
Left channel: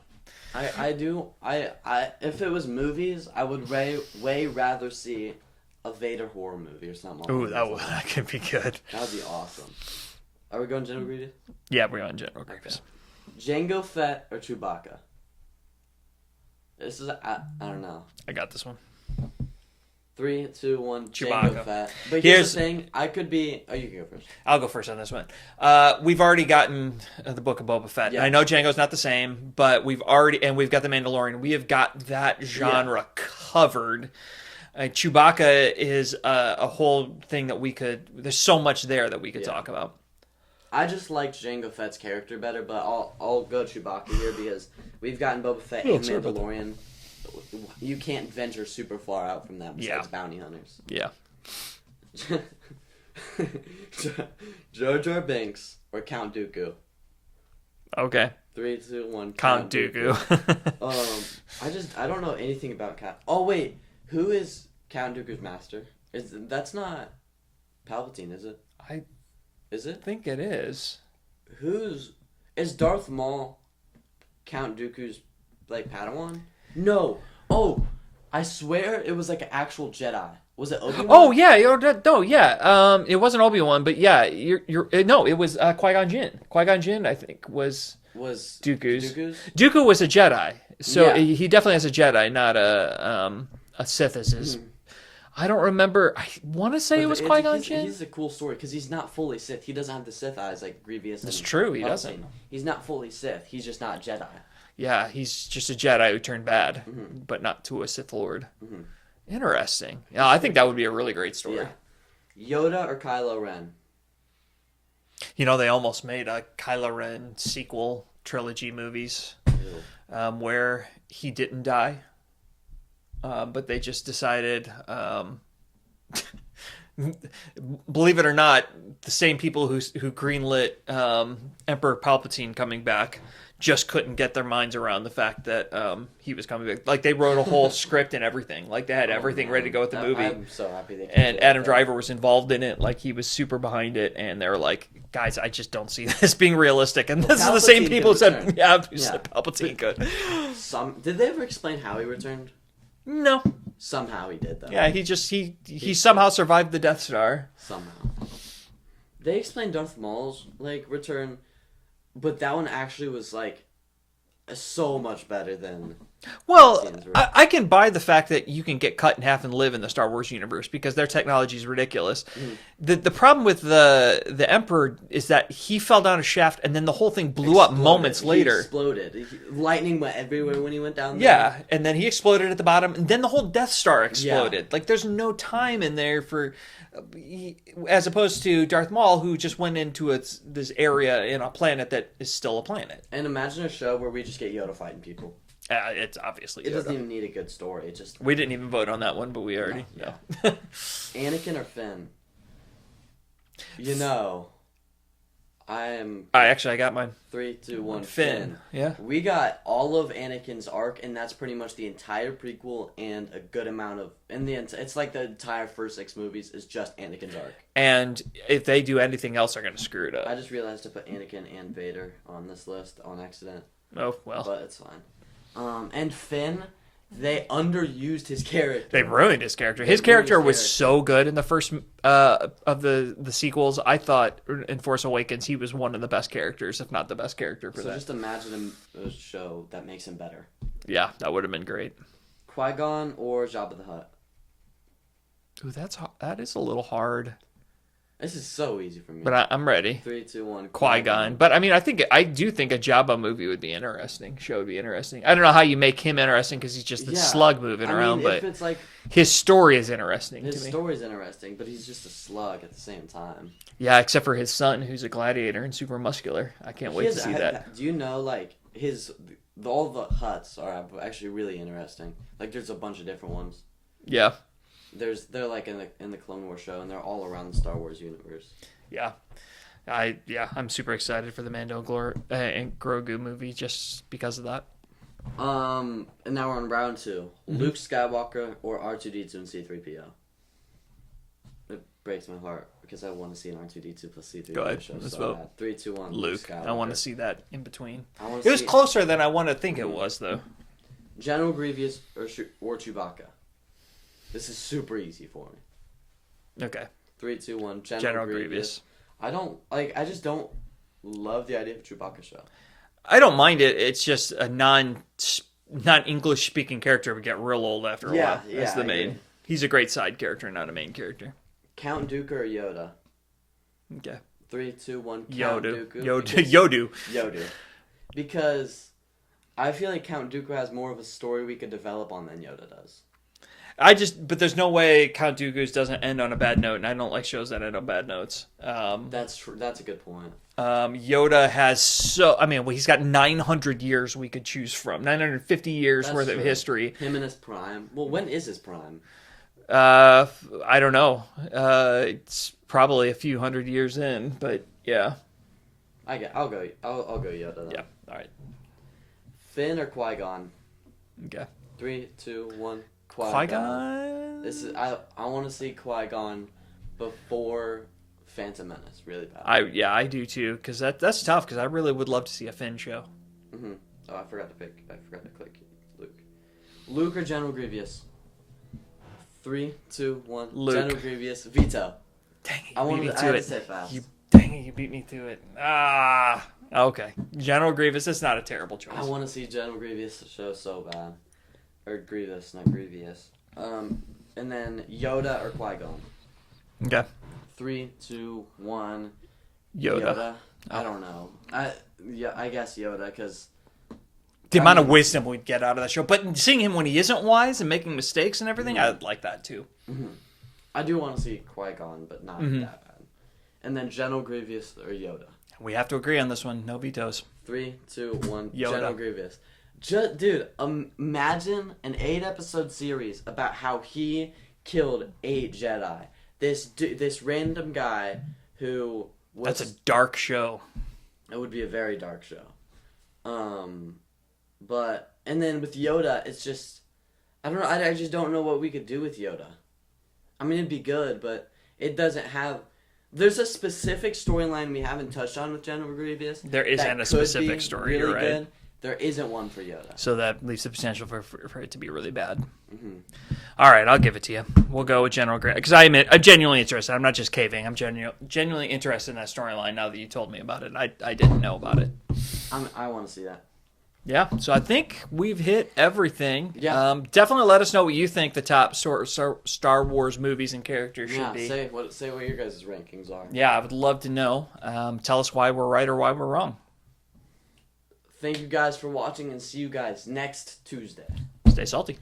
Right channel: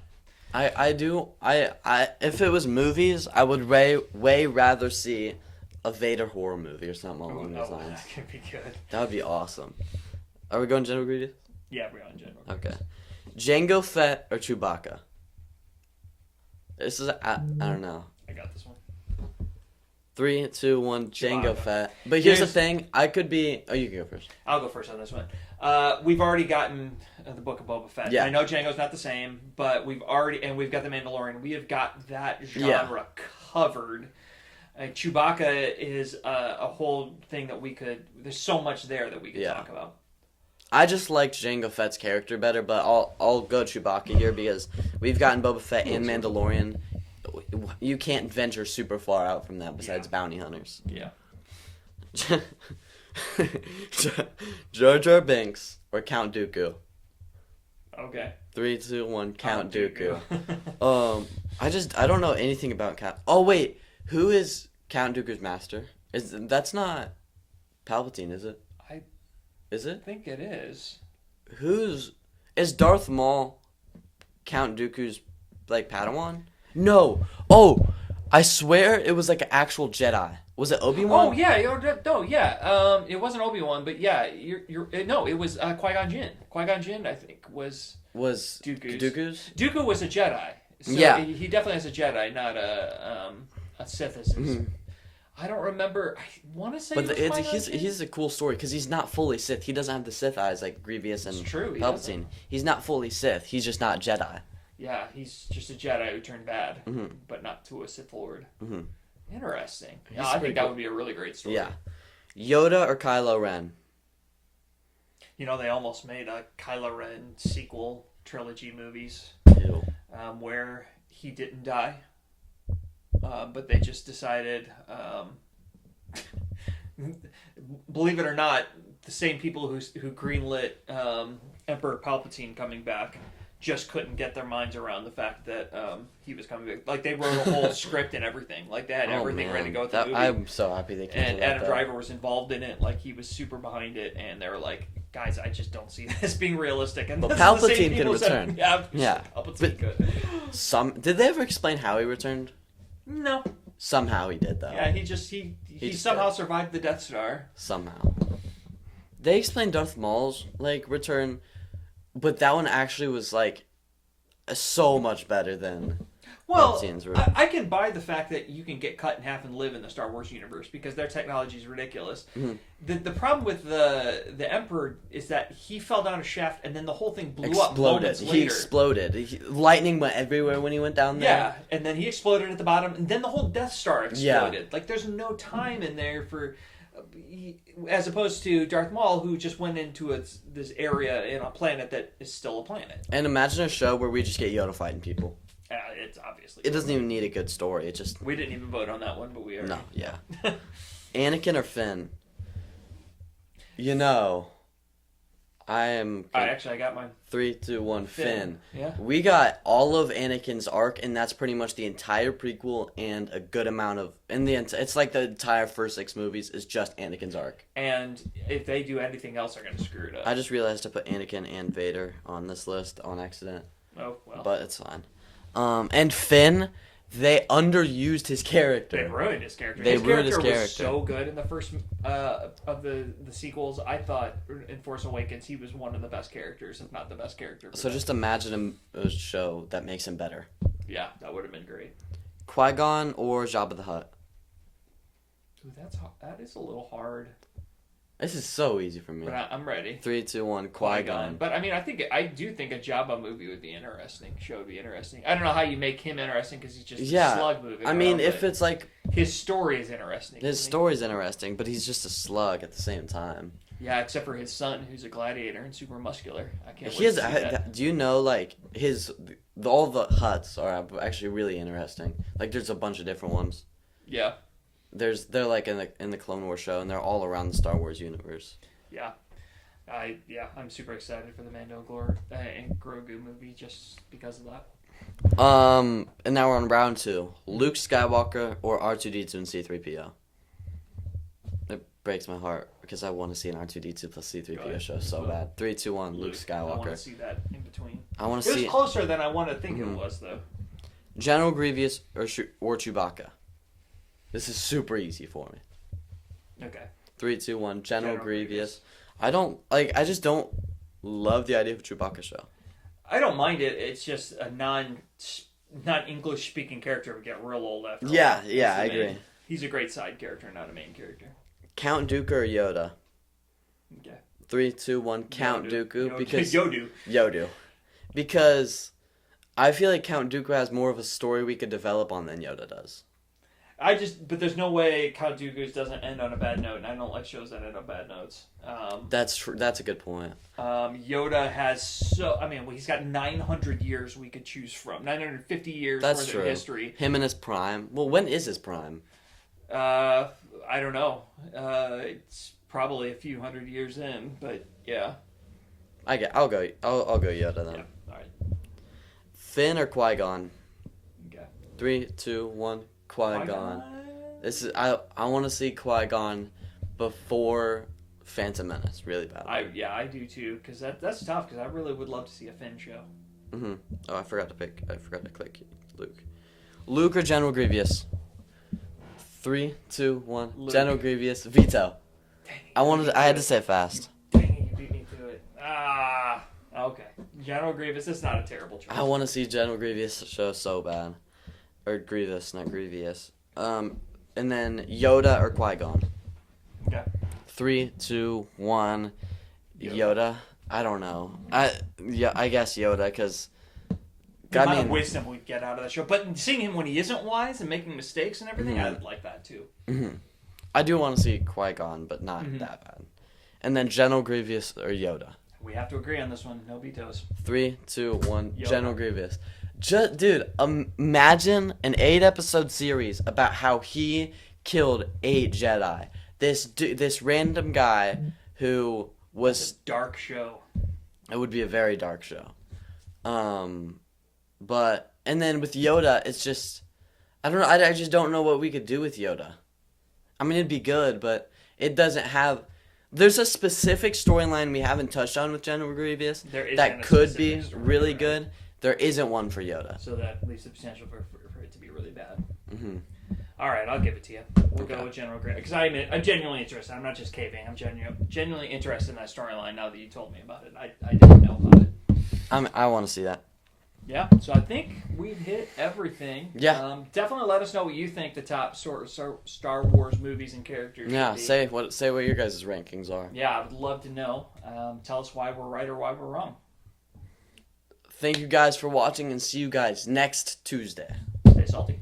If it was movies, I would way rather see a Vader horror movie or something. Ooh, that could be good. That would be awesome. Are we going General Grievous? Yeah, we're going General Grievous. Okay. Jango Fett or Chewbacca? This is I don't know. I got this one. 3, 2, 1. Chewbacca. Jango Fett. But here's the thing. I could be. Oh, you can go first. I'll go first on this one. We've already gotten the Book of Boba Fett. Yeah. I know Jango's not the same, but we've got the Mandalorian. We have got that genre covered. Chewbacca is a whole thing that there's so much there that we could talk about. I just liked Jango Fett's character better, but I'll go Chewbacca here because we've gotten Boba Fett and Mandalorian. You can't venture super far out from that besides bounty hunters. Yeah. Jar Jar Binks or Count Dooku? Okay. 3, 2, 1. Count Dooku. I don't know anything about Count. Oh wait, who is Count Dooku's master? That's not Palpatine, is it? Is it? think it is. Is Darth Maul Count Dooku's like Padawan? No. Oh, I swear it was like an actual Jedi. Was it Obi-Wan? Oh yeah, it wasn't Obi-Wan, but yeah, no, it was Qui-Gon Jinn. Qui-Gon Jinn, I think, was Dooku's. Dooku was a Jedi, so Yeah. he definitely has a Jedi, not a Sith. I don't remember. I want to say it was Qui-Gon Jinn. He's a cool story because he's not fully Sith. He doesn't have the Sith eyes like Grievous and It's true, he Palpatine. doesn't. He's not fully Sith. He's just not Jedi. Yeah, he's just a Jedi who turned bad, but not to a Sith Lord. Interesting. Yeah, I think that would be a really great story. Yeah. Yoda or Kylo Ren? You know, they almost made a Kylo Ren sequel trilogy movies where he didn't die, but they just decided, believe it or not, the same people who greenlit Emperor Palpatine coming back just couldn't get their minds around the fact that he was coming back. Like, they wrote a whole script and everything. Like, they had everything ready to go with the movie. I'm so happy they And Adam Driver was involved in it. Like, he was super behind it. And they were like, guys, I just don't see this being realistic. And this is the same Palpatine people who could said, return. said Palpatine could. Did they ever explain how he returned? No. Somehow he did, though. Yeah, he somehow survived the Death Star. Somehow. They explained Darth Maul's, like, return, but that one actually was, like, so much better than... Well, Palpatine's return. I can buy the fact that you can get cut in half and live in the Star Wars universe because their technology is ridiculous. The problem with the Emperor is that he fell down a shaft and then the whole thing blew up moments later. He exploded. Lightning went everywhere when he went down there. Yeah, and then he exploded at the bottom, and then the whole Death Star exploded. Yeah. Like, there's no time in there for... as opposed to Darth Maul, who just went into this area in a planet that is still a planet. And imagine a show where we just get Yoda fighting people. It's obviously... It doesn't even need a good story. It just... We didn't even vote on that one, but we already... No, yeah. Anakin or Finn? You know, I got mine. 3, 2, 1. Finn. Finn. Yeah. We got all of Anakin's arc, and that's pretty much the entire prequel and a good amount of... it's like the entire first 6 movies is just Anakin's arc. And if they do anything else, they're going to screw it up. I just realized to put Anakin and Vader on this list on accident. Oh, well. But it's fine. And Finn, they underused his character. They ruined his character. They His ruined character his was character. so good in the first of the sequels. I thought in Force Awakens he was one of the best characters, if not the best character. So just imagine a show that makes him better. Yeah, that would have been great. Qui-Gon or Jabba the Hutt? Ooh, that is a little hard. This is so easy for me. But I'm ready. 3, 2, 1. Qui-Gon. But I mean, I do think a Jabba movie would be interesting. Show would be interesting. I don't know how you make him interesting because he's just a slug moving around. I mean, but if it's like his story is interesting. his story's interesting, but he's just a slug at the same time. Yeah, except for his son, who's a gladiator and super muscular. I can't wait to see that. Do you know like all the Hutts are actually really interesting. Like there's a bunch of different ones. Yeah. They're like in the Clone Wars show, and they're all around the Star Wars universe. Yeah. I'm super excited for the Mando and Grogu movie just because of that. And now we're on round 2. Mm-hmm. Luke Skywalker or R2D2 and C3PO. It breaks my heart because I want to see an R2D2 plus C3PO show so bad. 3, 2, 1. Luke. Skywalker. I want to see that in between. It was closer than I want to think it was, though. General Grievous or Chewbacca. This is super easy for me. Okay. 3, 2, 1. General Grievous. I just don't love the idea of a Chewbacca show. I don't mind it. It's just a non-English speaking character would get real old after a while. Yeah, That's I agree. He's a great side character, not a main character. Count Dooku or Yoda? Okay. 3, 2, 1. Count Yodu. Dooku. Yodu. Because I feel like Count Dooku has more of a story we could develop on than Yoda does. But there's no way Count Dooku's doesn't end on a bad note, and I don't like shows that end on bad notes. That's true. That's a good point. Yoda has he's got 900 years we could choose from, 950 years worth of history. Him in his prime. Well, when is his prime? I don't know. It's probably a few hundred years in, but yeah. I'll go Yoda then. Yeah. All right. Finn or Qui-Gon? Okay. 3, 2, 1. Qui-Gon. This is I want to see Qui-Gon before Phantom Menace really bad. I do too, because that's tough. Because I really would love to see a Finn show. Oh, I forgot to click Luke. Luke or General Grievous? 3, 2, 1. Luke. General Grievous. Veto. Dang it! I had to say it fast. Dang it! You beat me to it. Okay. General Grievous. That's not a terrible choice. I want to see General Grievous show so bad. Or Grievous, not Grievous. And then Yoda or Qui-Gon? Okay. 3, 2, 1. Yoda. I don't know. I guess Yoda, because The amount of wisdom we'd get out of that show. But seeing him when he isn't wise and making mistakes and everything, I'd like that too. I do want to see Qui-Gon, but not that bad. And then General Grievous or Yoda? We have to agree on this one. No vetoes. 3, 2, 1. Yoda. General Grievous. Dude, imagine an 8-episode series about how he killed 8 Jedi. This random guy who was... That's a dark show. It would be a very dark show. And then with Yoda, it's just... I don't know. I just don't know what we could do with Yoda. I mean, it'd be good, but it doesn't have... There's a specific storyline we haven't touched on with General Grievous. There isn't a specific story. Really right. good. There isn't one for Yoda. So that leaves the potential for it to be really bad. All right, I'll give it to you. We'll go with General Grievous. Because I admit, I'm genuinely interested. I'm not just caving. I'm genuinely interested in that storyline now that you told me about it. I didn't know about it. I want to see that. Yeah, so I think we've hit everything. Yeah. Definitely let us know what you think the top Star Wars movies and characters should be. Say what your guys' rankings are. Yeah, I would love to know. Tell us why we're right or why we're wrong. Thank you guys for watching, and see you guys next Tuesday. Stay salty.